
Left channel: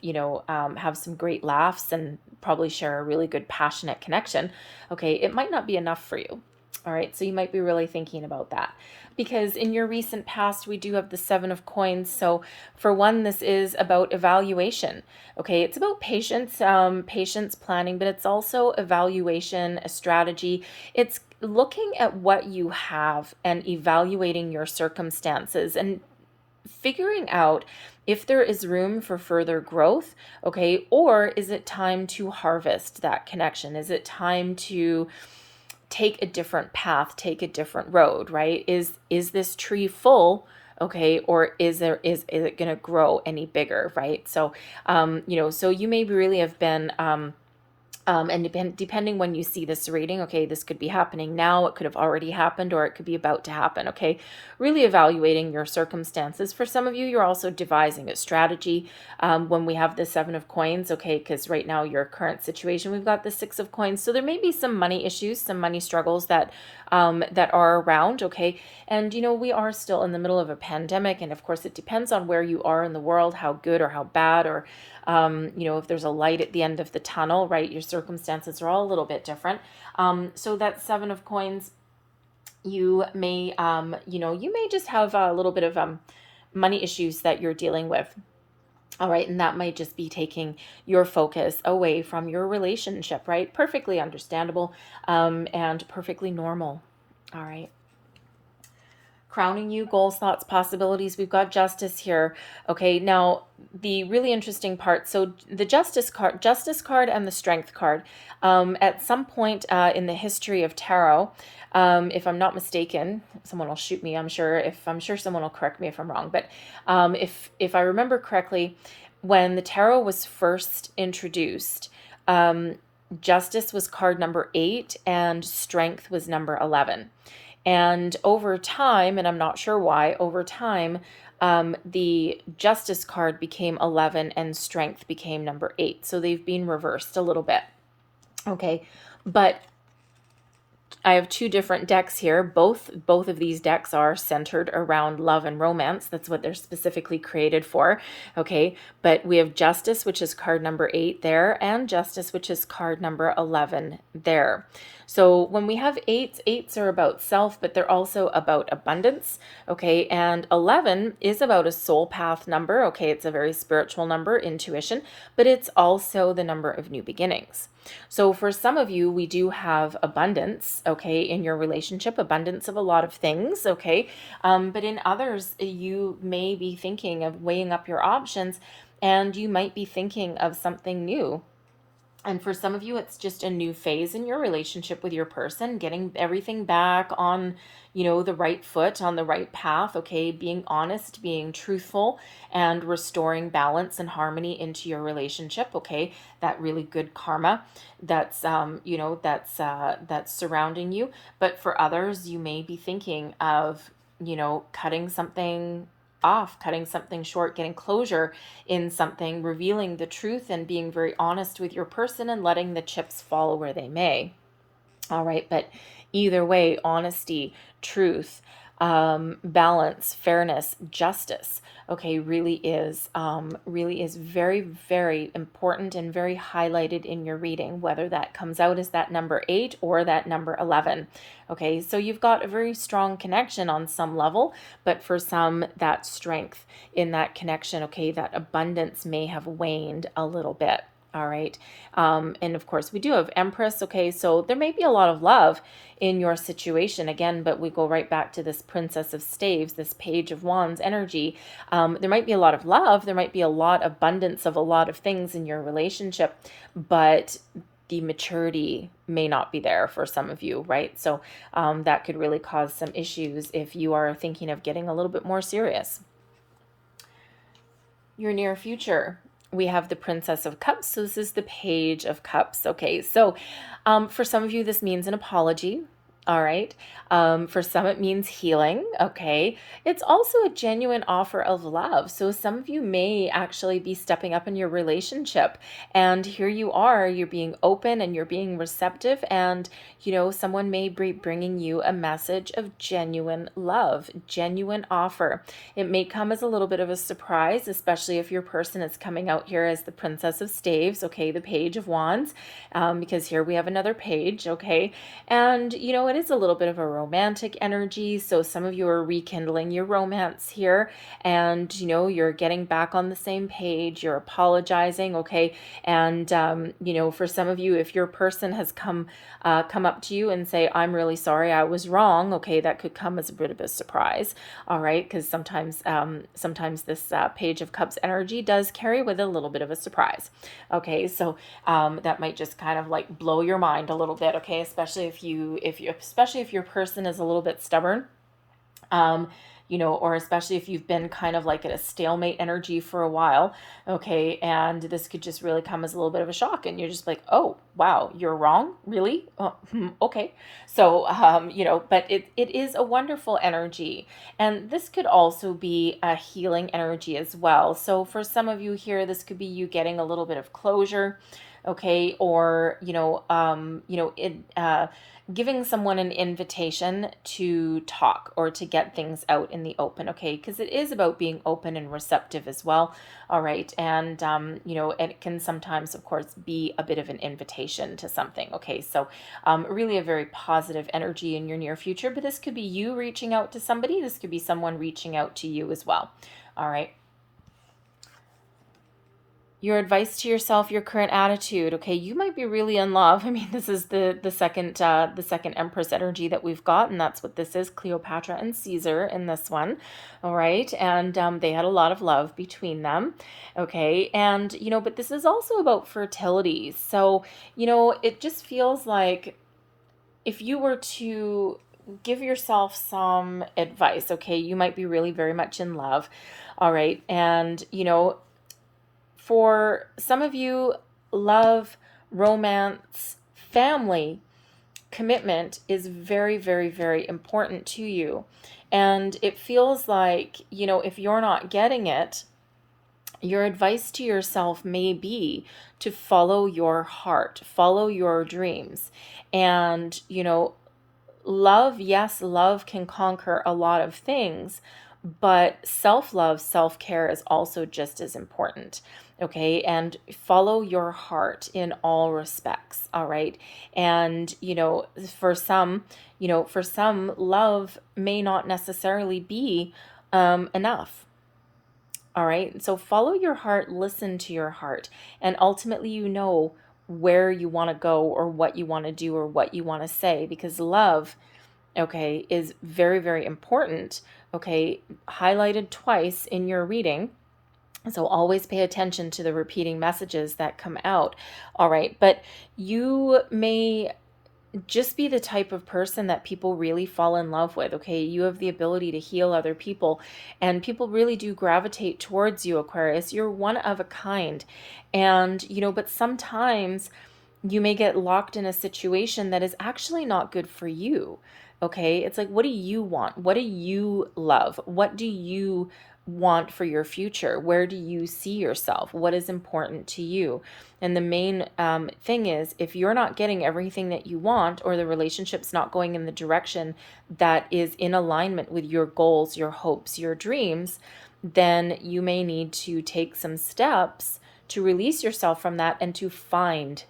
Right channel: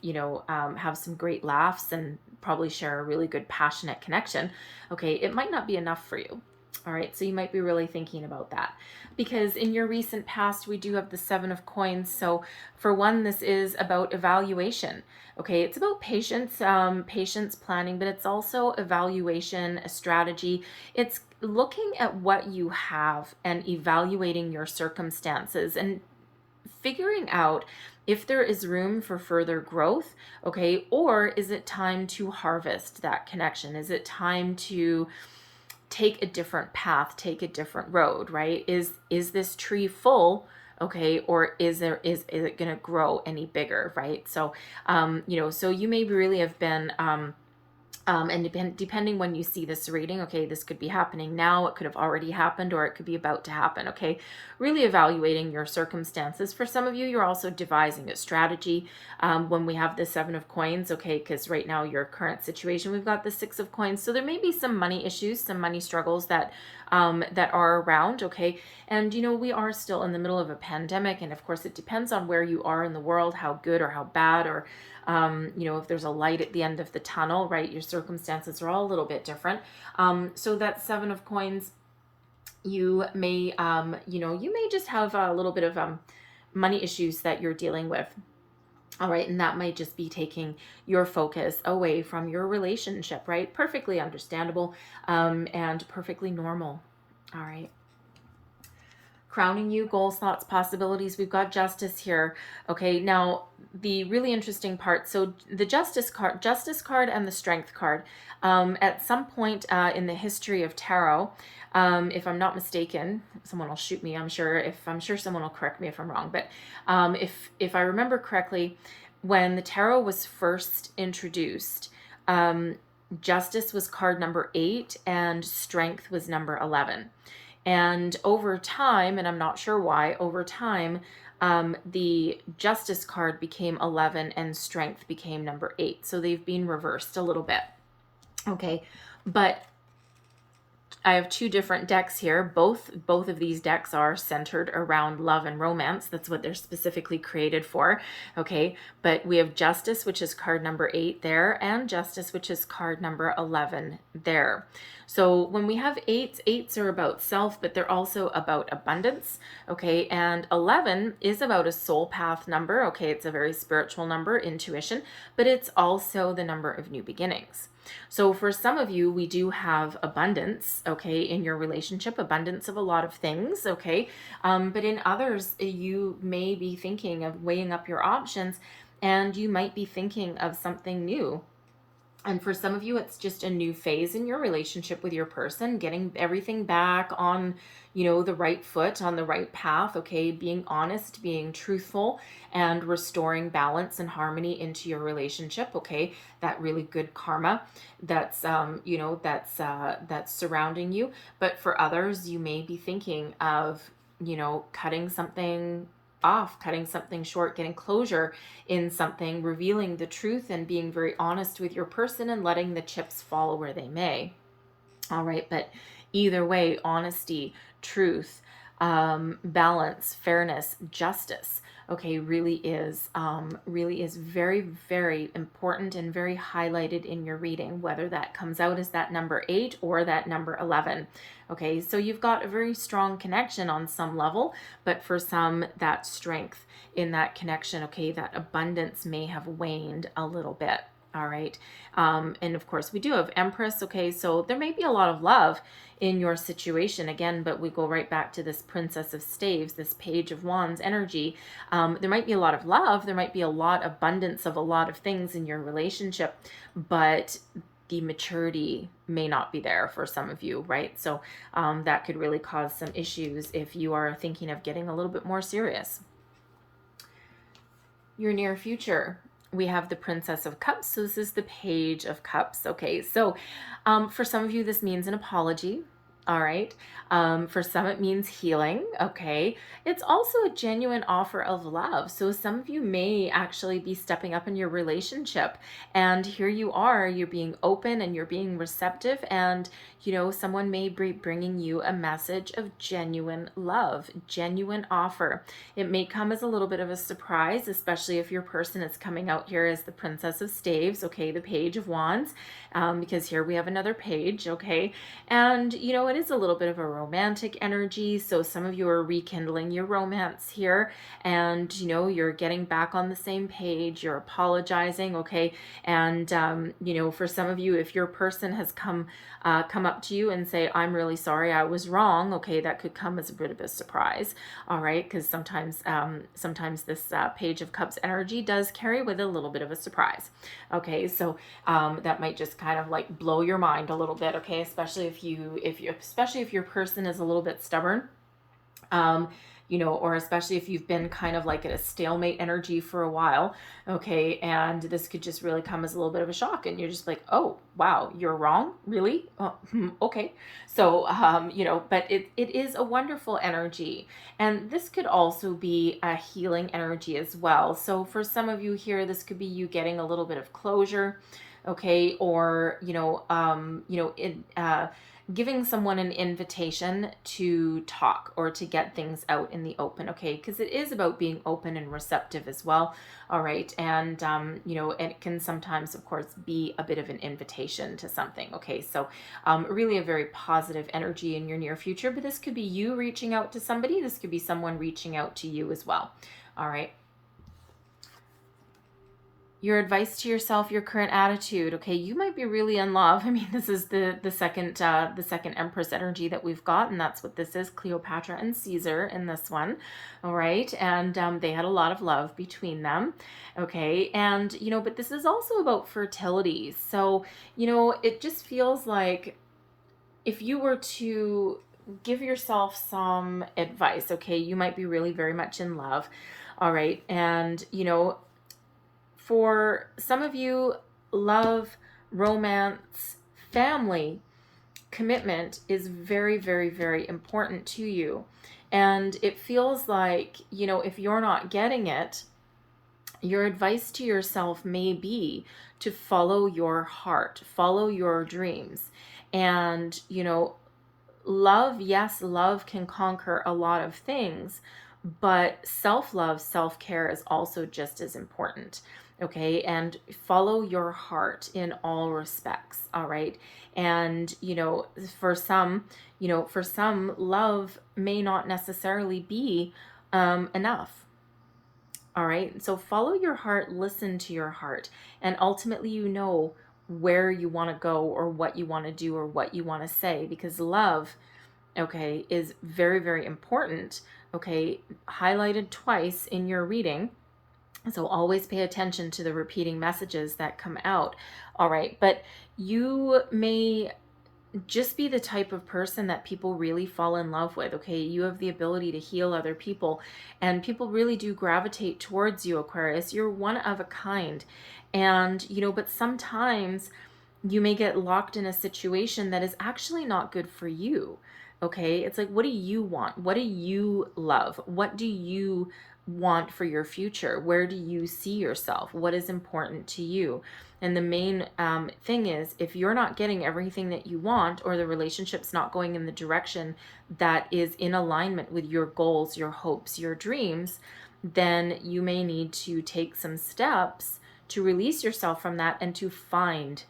have some great laughs and probably share a really good passionate connection, okay, it might not be enough for you. All right, so you might be really thinking about that. Because in your recent past, we do have the Seven of Coins. So for one, this is about evaluation. Okay, it's about patience, patience planning, but it's also evaluation, a strategy. It's looking at what you have and evaluating your circumstances and figuring out if there is room for further growth, okay, or is it time to harvest that connection? Is it time to take a different path, take a different road, right? Is this tree full, okay, or is it going to grow any bigger, right? So so you may really have been and depending when you see this reading, okay, this could be happening now, it could have already happened, or it could be about to happen, okay? Really evaluating your circumstances. For some of you, you're also devising a strategy when we have the Seven of Coins, okay, because right now your current situation, we've got the Six of Coins. So there may be some money issues, some money struggles that are around, okay? And, we are still in the middle of a pandemic, and of course it depends on where you are in the world, how good or how bad, or if there's a light at the end of the tunnel, right? Your circumstances are all a little bit different. So that Seven of Coins, you may, you may just have a little bit of money issues that you're dealing with. All right, and that might just be taking your focus away from your relationship, right? Perfectly understandable and perfectly normal. All right. crowning you, goals, thoughts, possibilities. We've got justice here. Okay, now the really interesting part. So the justice card and the strength card. At some point in the history of tarot, if I'm not mistaken, someone will shoot me. I'm sure someone will correct me if I'm wrong. But if I remember correctly, when the tarot was first introduced, justice was card number 8 and strength was number 11. And over time, and I'm not sure why, over time, the justice card became 11 and strength became number 8. So they've been reversed a little bit. Okay, but I have 2 different decks here. Both of these decks are centered around love and romance. That's what they're specifically created for. Okay, but we have Justice, which is card number 8 there, and Justice, which is card number 11 there. So when we have eights are about self, but they're also about abundance. Okay, and 11 is about a soul path number. Okay, it's a very spiritual number, intuition, but it's also the number of new beginnings. So for some of you, we do have abundance, okay, in your relationship, abundance of a lot of things, okay, but in others, you may be thinking of weighing up your options, and you might be thinking of something new. And for some of you, it's just a new phase in your relationship with your person, getting everything back on, the right foot, on the right path, okay? Being honest, being truthful, and restoring balance and harmony into your relationship, okay? That really good karma that's, that's surrounding you. But for others, you may be thinking of, cutting something off, cutting something short, getting closure in something, revealing the truth and being very honest with your person and letting the chips fall where they may. All right, but either way, honesty, truth, balance, fairness, justice, okay, really is very, very important and very highlighted in your reading, whether that comes out as that number 8 or that number 11. Okay, so you've got a very strong connection on some level, but for some, that strength in that connection, okay, that abundance may have waned a little bit. All right. And of course, we do have Empress. Okay, so there may be a lot of love in your situation again, but we go right back to this Princess of Staves, this Page of Wands energy. There might be a lot of love. There might be a lot of abundance of a lot of things in your relationship, but the maturity may not be there for some of you, right? So that could really cause some issues if you are thinking of getting a little bit more serious. Your near future. We have the Princess of Cups. So this is the Page of Cups. Okay, so for some of you, this means an apology. All right. For some, it means healing. Okay. It's also a genuine offer of love. So some of you may actually be stepping up in your relationship, and here you are, you're being open and you're being receptive, and someone may be bringing you a message of genuine love, genuine offer. It may come as a little bit of a surprise, especially if your person is coming out here as the Princess of Staves, okay, the Page of Wands, because here we have another page, okay, and it is a little bit of a romantic energy, so some of you are rekindling your romance here, and you're getting back on the same page, you're apologizing, okay, and for some of you, if your person has come up to you and say, I'm really sorry, I was wrong, okay, that could come as a bit of a surprise. All right, because sometimes this Page of Cups energy does carry with it a little bit of a surprise. Okay, so that might just kind of like blow your mind a little bit, okay, especially if your person is a little bit stubborn. Or especially if you've been kind of like at a stalemate energy for a while, okay, and this could just really come as a little bit of a shock, and you're just like, oh, wow, you're wrong? Really? Okay. So, but it is a wonderful energy, and this could also be a healing energy as well. So for some of you here, this could be you getting a little bit of closure, okay, or, giving someone an invitation to talk or to get things out in the open, okay? Because it is about being open and receptive as well, all right? And, it can sometimes, of course, be a bit of an invitation to something, okay? So really a very positive energy in your near future, but this could be you reaching out to somebody. This could be someone reaching out to you as well, all right? Your advice to yourself, your current attitude. Okay, you might be really in love. I mean, this is the second Empress energy that we've got, and that's what this is: Cleopatra and Caesar in this one. All right, and they had a lot of love between them. Okay, and but this is also about fertility. So it just feels like if you were to give yourself some advice, okay, you might be really very much in love. All right, and for some of you, love, romance, family, commitment is very, very, very important to you. And it feels like, if you're not getting it, your advice to yourself may be to follow your heart, follow your dreams. And, love, yes, love can conquer a lot of things, but self love, self care is also just as important. Okay. And follow your heart in all respects. All right. And, for some, love may not necessarily be enough. All right. So follow your heart, listen to your heart, and ultimately, where you want to go or what you want to do or what you want to say, because love, okay, is very, very important. Okay. Highlighted twice in your reading. So always pay attention to the repeating messages that come out. All right. But you may just be the type of person that people really fall in love with. Okay, you have the ability to heal other people, and people really do gravitate towards you, Aquarius. You're one of a kind. And but sometimes you may get locked in a situation that is actually not good for you. Okay, it's like, what do you want? What do you love? What do you want for your future? Where do you see yourself? What is important to you? And the main thing is, if you're not getting everything that you want, or the relationship's not going in the direction that is in alignment with your goals, your hopes, your dreams, then you may need to take some steps to release yourself from that and to find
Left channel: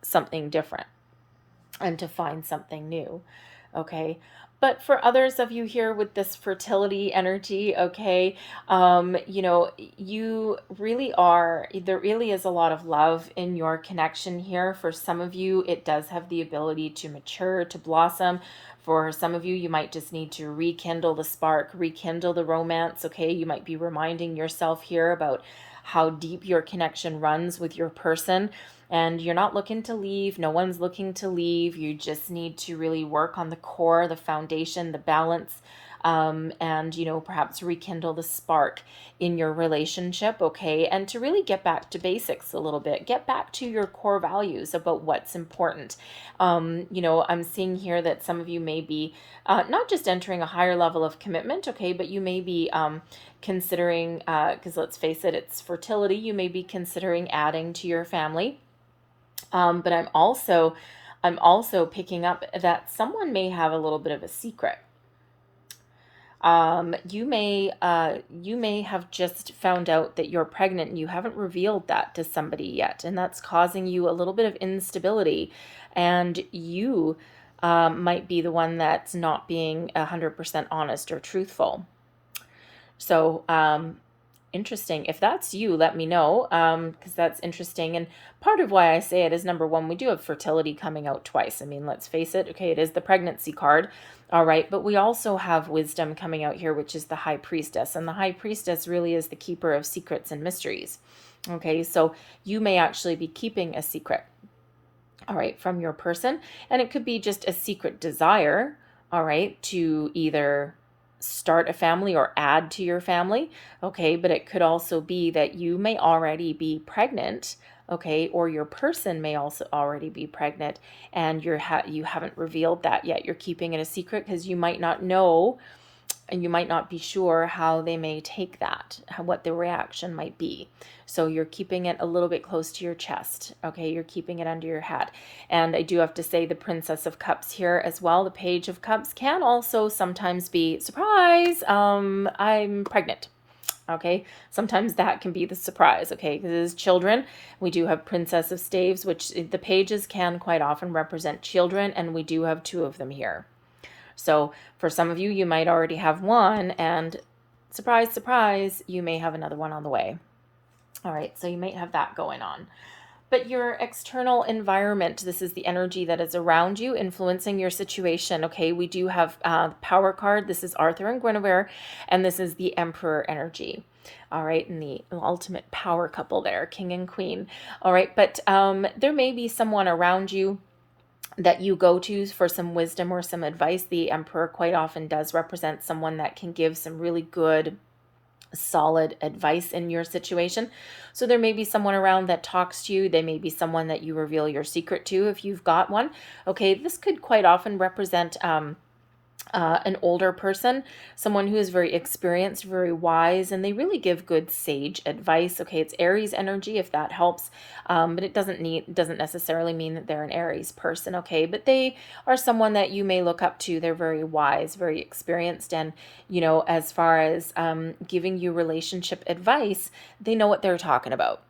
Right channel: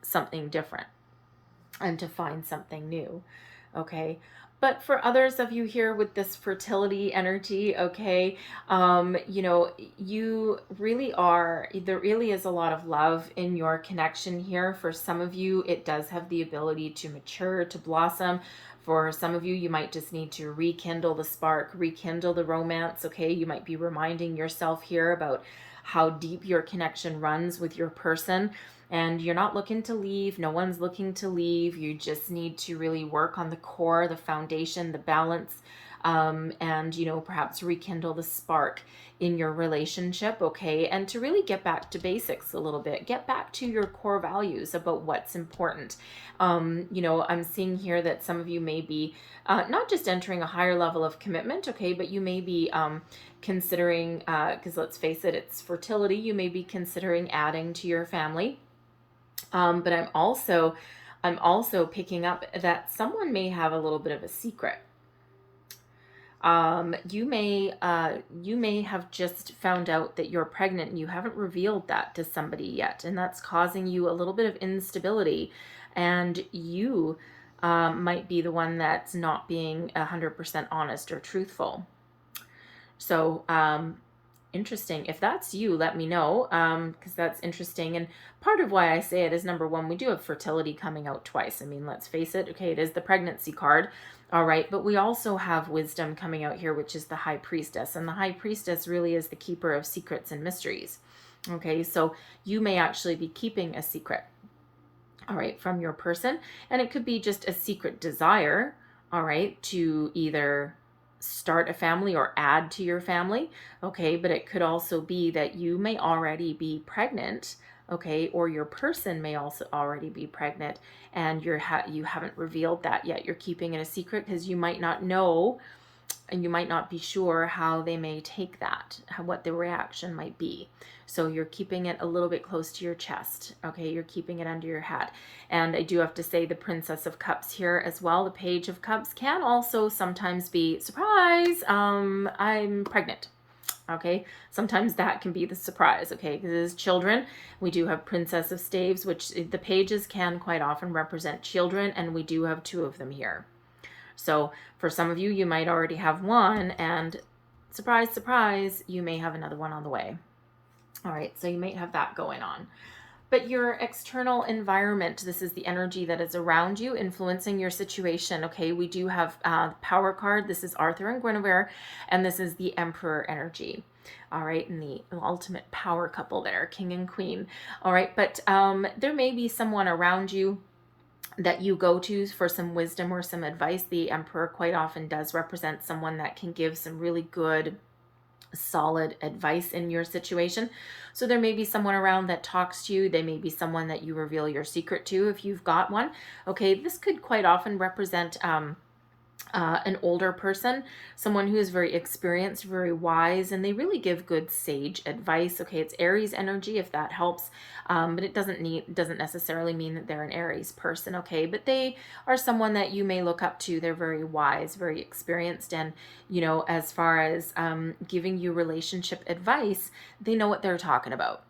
something different and to find something new. Okay. But for others of you here with this fertility energy, okay, you really are, there really is a lot of love in your connection here. For some of you, it does have the ability to mature, to blossom. For some of you, you might just need to rekindle the spark, rekindle the romance, okay? You might be reminding yourself here about how deep your connection runs with your person. And you're not looking to leave. No one's looking to leave. You just need to really work on the core, the foundation, the balance, and, perhaps rekindle the spark in your relationship, okay? And to really get back to basics a little bit. Get back to your core values about what's important. I'm seeing here that some of you may be not just entering a higher level of commitment, okay, but you may be considering, because let's face it, it's fertility, you may be considering adding to your family. But I'm also picking up that someone may have a little bit of a secret. You may have just found out that you're pregnant and you haven't revealed that to somebody yet, and that's causing you a little bit of instability, and you might be the one that's not being 100% honest or truthful. So interesting. If that's you, let me know, because that's interesting. And part of why I say it is, number one, we do have fertility coming out twice. I mean, let's face it. Okay, it is the pregnancy card. All right. But we also have wisdom coming out here, which is the high priestess. And the high priestess really is the keeper of secrets and mysteries. Okay, so you may actually be keeping a secret, all right, from your person. And it could be just a secret desire, all right, to either start a family or add to your family, okay? But it could also be that you may already be pregnant, okay? Or your person may also already be pregnant, and you haven't revealed that yet. You're keeping it a secret because you might not know, and you might not be sure how they may take that, what the reaction might be. So you're keeping it a little bit close to your chest, okay? You're keeping it under your hat. And I do have to say, the Princess of Cups here as well, the Page of Cups, can also sometimes be, surprise, I'm pregnant, okay? Sometimes that can be the surprise, okay? Because as children, we do have Princess of Staves, which the pages can quite often represent children, and we do have two of them here. So for some of you, you might already have one, and surprise, surprise, you may have another one on the way. All right, so you might have that going on. But your external environment, this is the energy that is around you influencing your situation. Okay, we do have the power card. This is Arthur and Guinevere, and this is the Emperor energy. All right, and the ultimate power couple there, king and queen. All right, but there may be someone around you that you go to for some wisdom or some advice. The Emperor quite often does represent someone that can give some really good solid advice in your situation. So there may be someone around that talks to you. They may be someone that you reveal your secret to if you've got one. Okay, this could quite often represent an older person, someone who is very experienced, very wise, and they really give good sage advice. Okay, it's Aries energy if that helps, but it doesn't necessarily mean that they're an Aries person. Okay, but they are someone that you may look up to. They're very wise, very experienced, and as far as giving you relationship advice, they know what they're talking about.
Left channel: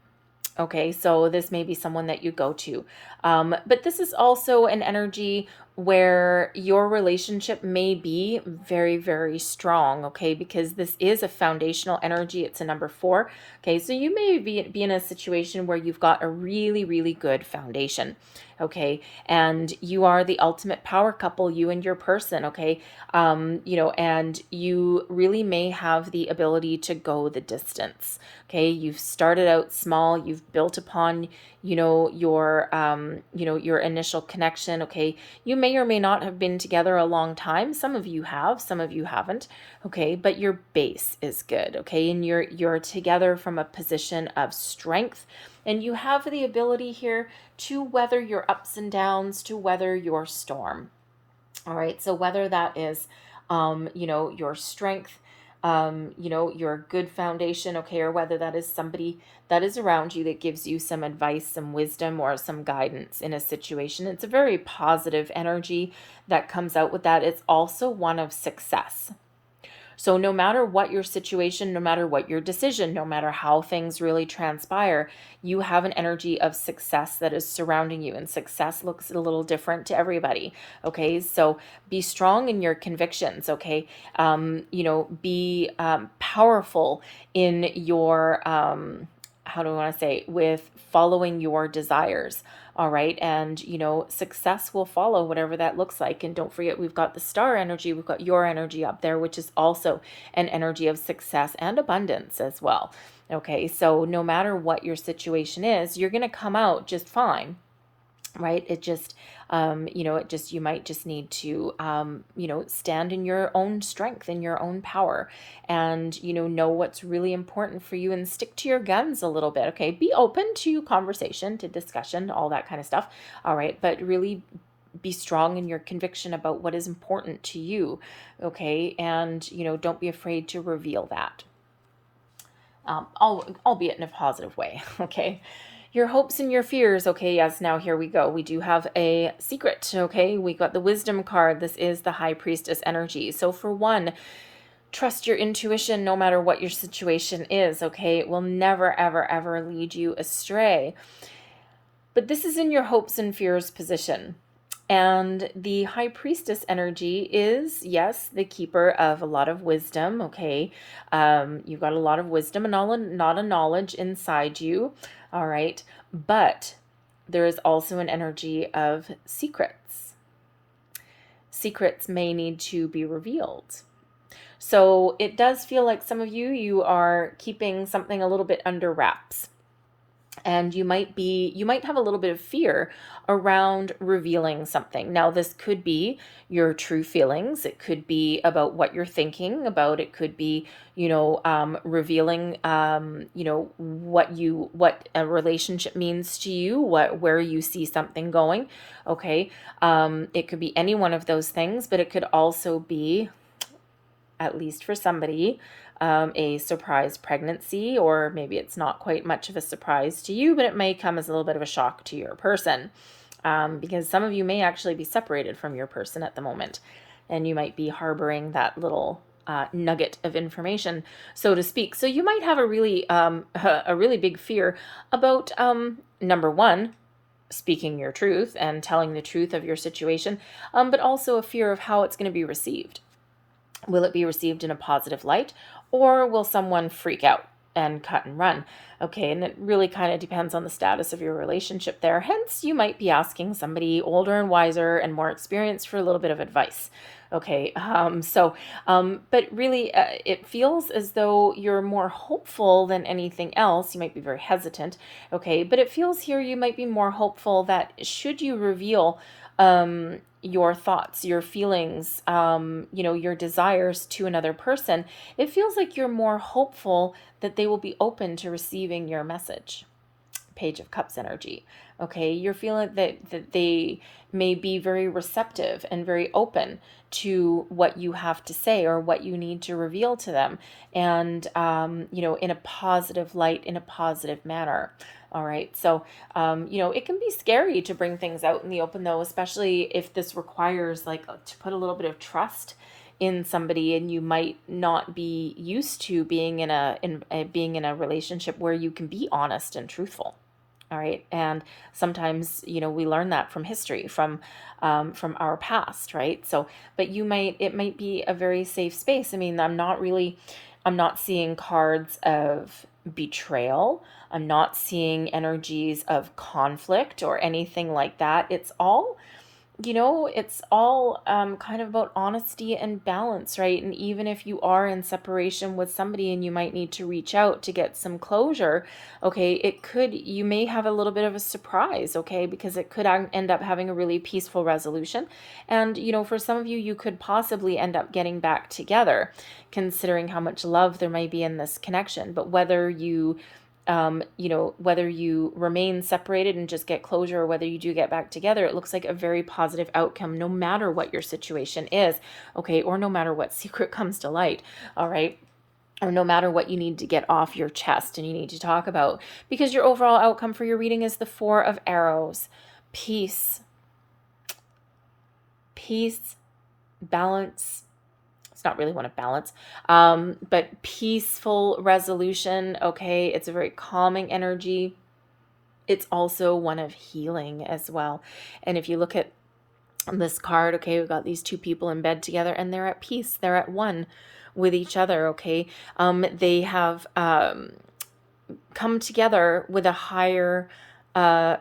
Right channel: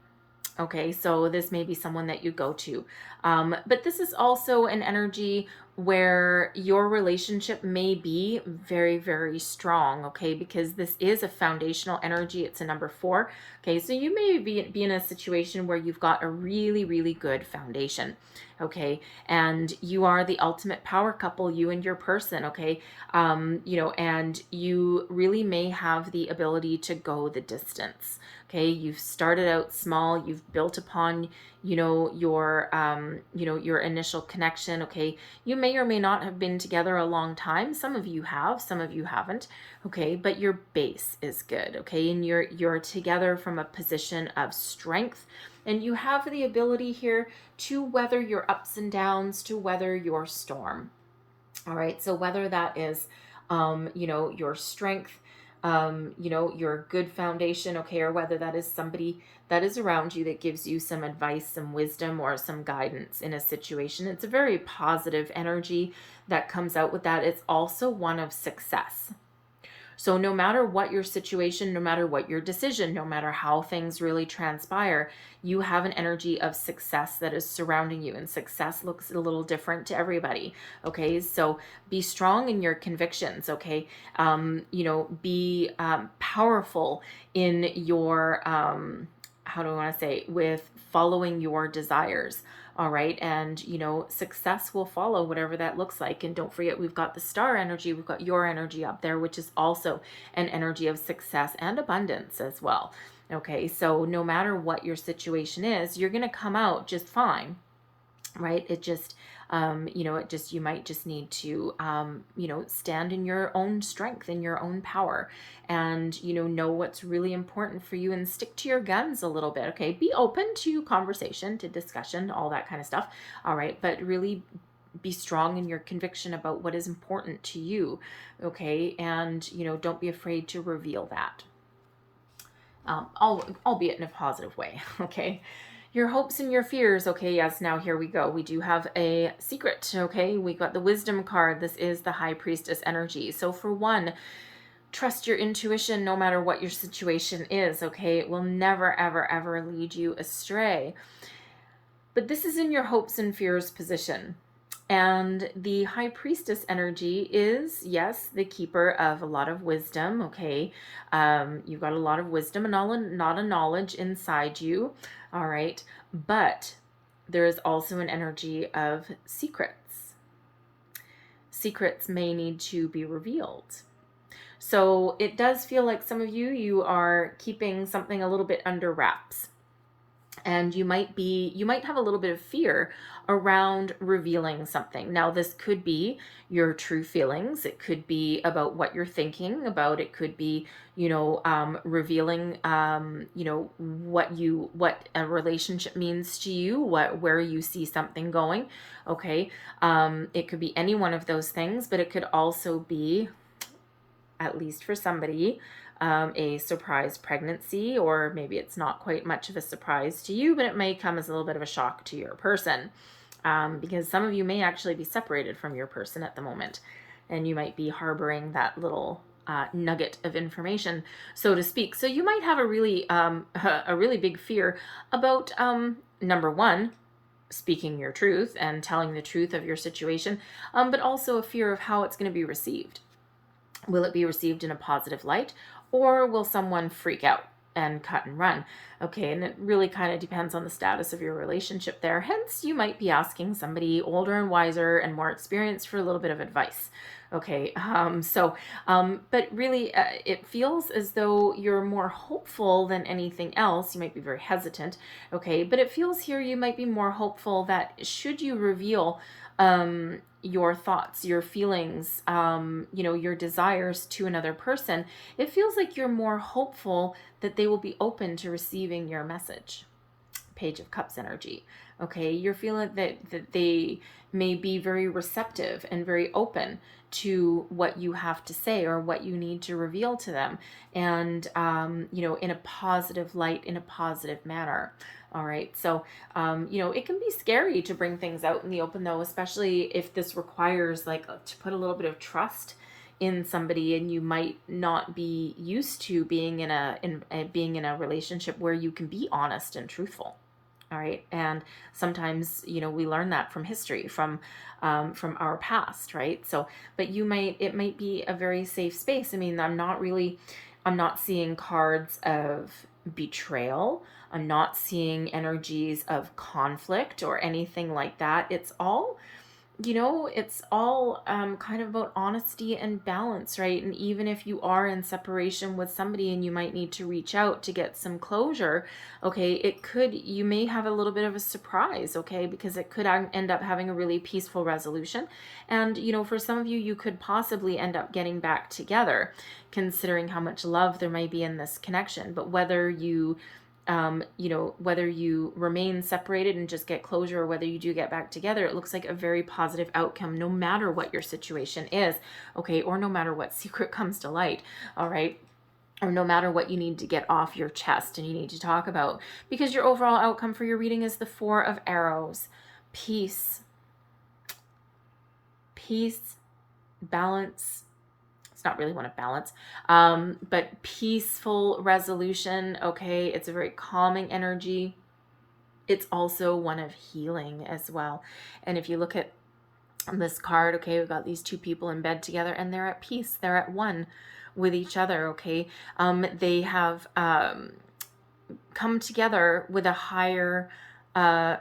Okay, so this may be someone that you go to. But this is also an energy where your relationship may be very, very strong, okay, because this is a foundational energy. It's a number 4. Okay, so you may be in a situation where you've got a really, really good foundation. Okay, and you are the ultimate power couple, you and your person. Okay, and you really may have the ability to go the distance. Okay, you've started out small, you've built upon your initial connection. Okay, you may or may not have been together a long time. Some of you have, some of you haven't. Okay, but your base is good. Okay, and you're together from a position of strength, and you have the ability here to weather your ups and downs, to weather your storm. All right, so whether that is your strength, your good foundation, okay, or whether that is somebody that is around you that gives you some advice, some wisdom, or some guidance in a situation. It's a very positive energy that comes out with that. It's also one of success. So no matter what your situation, no matter what your decision, no matter how things really transpire, you have an energy of success that is surrounding you. And success looks a little different to everybody. Okay, so be strong in your convictions. Okay, be powerful in your how do I want to say, with following your desires. All right. And, success will follow whatever that looks like. And don't forget, we've got the star energy. We've got your energy up there, which is also an energy of success and abundance as well. Okay. So no matter what your situation is, you're going to come out just fine. Right. You might just need to, stand in your own strength, in your own power, and, know what's really important for you and stick to your guns a little bit. Okay. Be open to conversation, to discussion, all that kind of stuff. All right. But really be strong in your conviction about what is important to you. Okay. And, don't be afraid to reveal that. Albeit in a positive way. Okay. Your hopes and your fears. Okay, yes, now here we go. We do have a secret. Okay, we got the wisdom card. This is the high priestess energy. So for one, trust your intuition no matter what your situation is. Okay, it will never, ever, ever lead you astray. But this is in your hopes and fears position. And the high priestess energy is, yes, the keeper of a lot of wisdom. Okay, you've got a lot of wisdom and not a knowledge inside you. All right, but there is also an energy of secrets. Secrets may need to be revealed. So it does feel like some of you are keeping something a little bit under wraps. And you might have a little bit of fear around revealing something. Now, this could be your true feelings. It could be about what you're thinking about. It could be, revealing, what a relationship means to you, where you see something going. Okay. It could be any one of those things, but it could also be, at least for somebody, a surprise pregnancy, or maybe it's not quite much of a surprise to you, but it may come as a little bit of a shock to your person, because some of you may actually be separated from your person at the moment, and you might be harboring that little nugget of information, so to speak. So you might have a really big fear about, number one, speaking your truth and telling the truth of your situation, but also a fear of how it's going to be received. Will it be received in a positive light, or will someone freak out and cut and run. Okay, and it really kind of depends on the status of your relationship there. Hence, you might be asking somebody older and wiser and more experienced for a little bit of advice. Okay, but really, it feels as though you're more hopeful than anything else. You might be very hesitant, okay, but it feels here you might be more hopeful that should you reveal your thoughts, your feelings, your desires to another person, it feels like you're more hopeful that they will be open to receiving your message. Page of Cups energy. Okay, you're feeling that they may be very receptive and very open to what you have to say or what you need to reveal to them, and in a positive light, in a positive manner. All right, so it can be scary to bring things out in the open, though, especially if this requires to put a little bit of trust in somebody, and you might not be used to being in a relationship where you can be honest and truthful. All right, and sometimes we learn that from history, from our past, right? So, but it might be a very safe space. I mean, I'm not seeing cards of betrayal. I'm not seeing energies of conflict or anything like that. It's all kind of about honesty and balance, right? And even if you are in separation with somebody and you might need to reach out to get some closure, okay, you may have a little bit of a surprise, okay, because it could end up having a really peaceful resolution. And, for some of you, you could possibly end up getting back together, considering how much love there may be in this connection. But whether you remain separated and just get closure, or whether you do get back together, it looks like a very positive outcome, no matter what your situation is, okay, or no matter what secret comes to light, all right, or no matter what you need to get off your chest and you need to talk about, because your overall outcome for your reading is the Four of Arrows. Peace, balance. It's not really one of balance, but peaceful resolution. Okay, it's a very calming energy. It's also one of healing as well. And if you look at this card, okay, we've got these two people in bed together and they're at peace. They're at one with each other. Okay, they have come together with a higher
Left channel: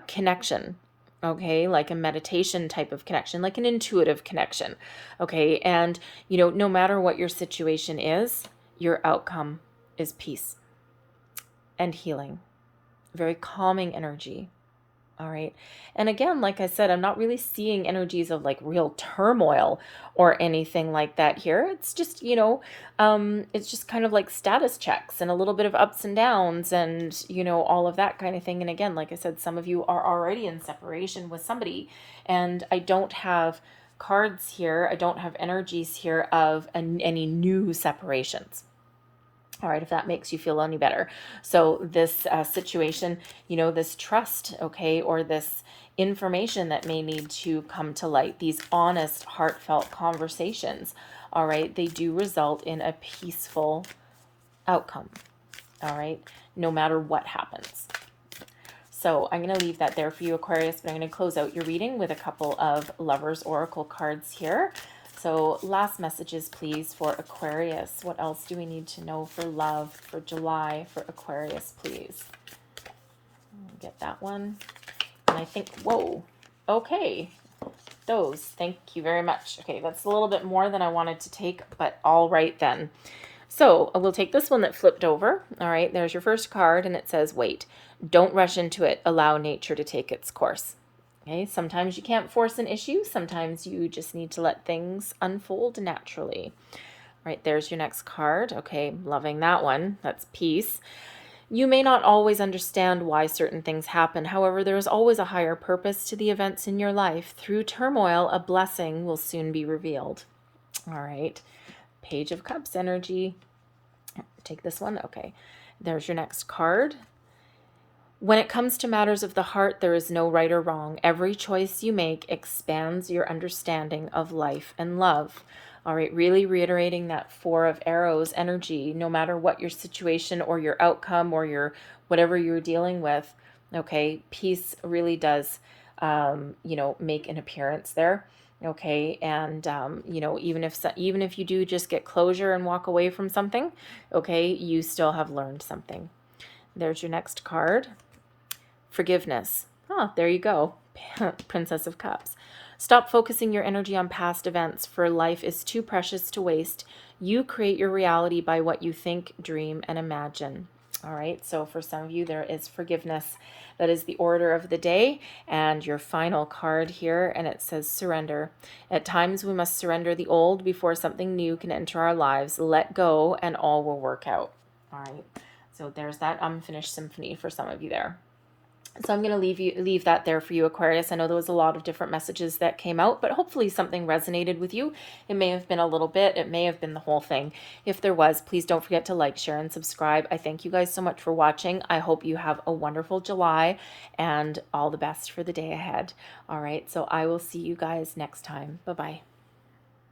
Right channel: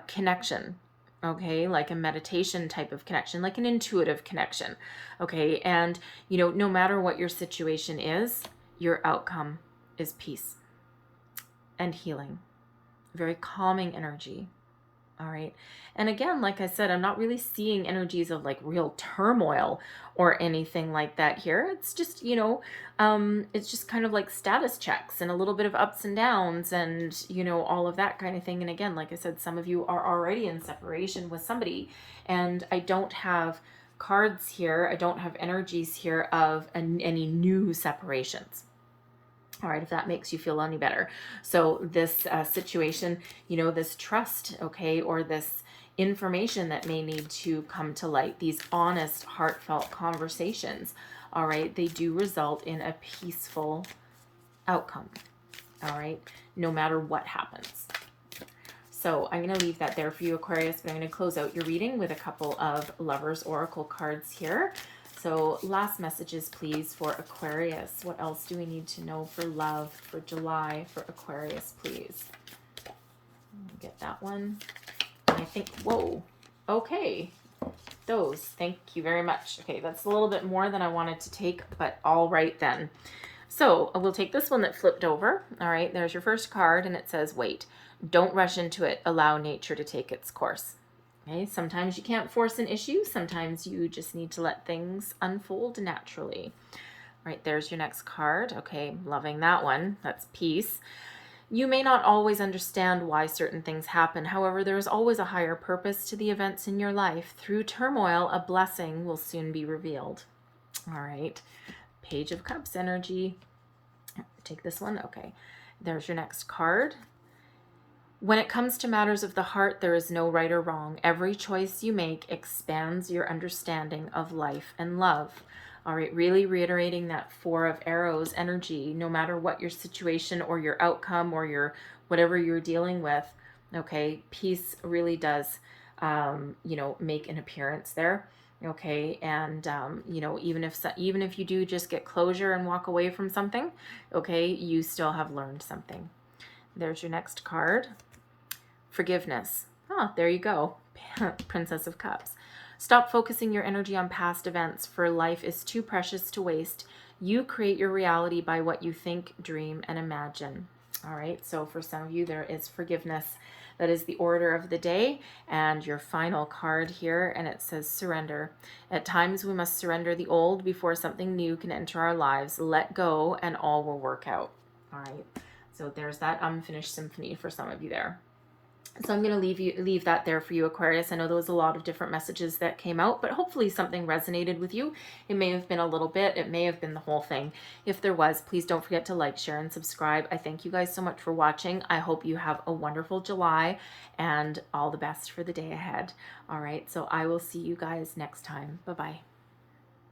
connection. Okay, like a meditation type of connection, like an intuitive connection. Okay, and no matter what your situation is, your outcome is peace and healing. Very calming energy. All right. And again, like I said, I'm not really seeing energies of real turmoil or anything like that here. It's just, it's just kind of like status checks and a little bit of ups and downs and, all of that kind of thing. And again, like I said, some of you are already in separation with somebody, and I don't have cards here. I don't have energies here of any new separations. All right, if that makes you feel any better. So this situation, this trust, okay, or this information that may need to come to light, these honest, heartfelt conversations, all right, they do result in a peaceful outcome, all right, no matter what happens. So I'm going to leave that there for you, Aquarius, but I'm going to close out your reading with a couple of Lovers Oracle cards here. So last messages, please, for Aquarius. What else do we need to know for love for July for Aquarius, please? Get that one. And I think, whoa, okay. Those, thank you very much. Okay, that's a little bit more than I wanted to take, but all right then. So we'll take this one that flipped over. All right, there's your first card, and it says, wait, don't rush into it. Allow nature to take its course. Okay, sometimes you can't force an issue. Sometimes you just need to let things unfold naturally. All right, there's your next card. Okay, loving that one. That's peace. You may not always understand why certain things happen. However, there is always a higher purpose to the events in your life. Through turmoil, a blessing will soon be revealed. All right, Page of Cups energy. Take this one. Okay, there's your next card. When it comes to matters of the heart, there is no right or wrong. Every choice you make expands your understanding of life and love. All right, really reiterating that Four of Arrows energy, no matter what your situation or your outcome or your whatever you're dealing with, okay, peace really does, make an appearance there. Okay, and you know, even if you do just get closure and walk away from something, okay, you still have learned something. There's your next card. Forgiveness. Oh, there you go. Princess of Cups. Stop focusing your energy on past events, for life is too precious to waste. You create your reality by what you think, dream, and imagine. All right, so for some of you, there is forgiveness. That is the order of the day, and your final card here, and it says surrender. At times, we must surrender the old before something new can enter our lives. Let go, and all will work out. All right, so there's that unfinished symphony for some of you there. So I'm going to leave that there for you, Aquarius. I know there was a lot of different messages that came out, but hopefully something resonated with you. It may have been a little bit, it may have been the whole thing. If there was, please don't forget to like, share, and subscribe. I thank you guys so much for watching. I hope you have a wonderful July and all the best for the day ahead. All right, so I will see you guys next time. Bye-bye.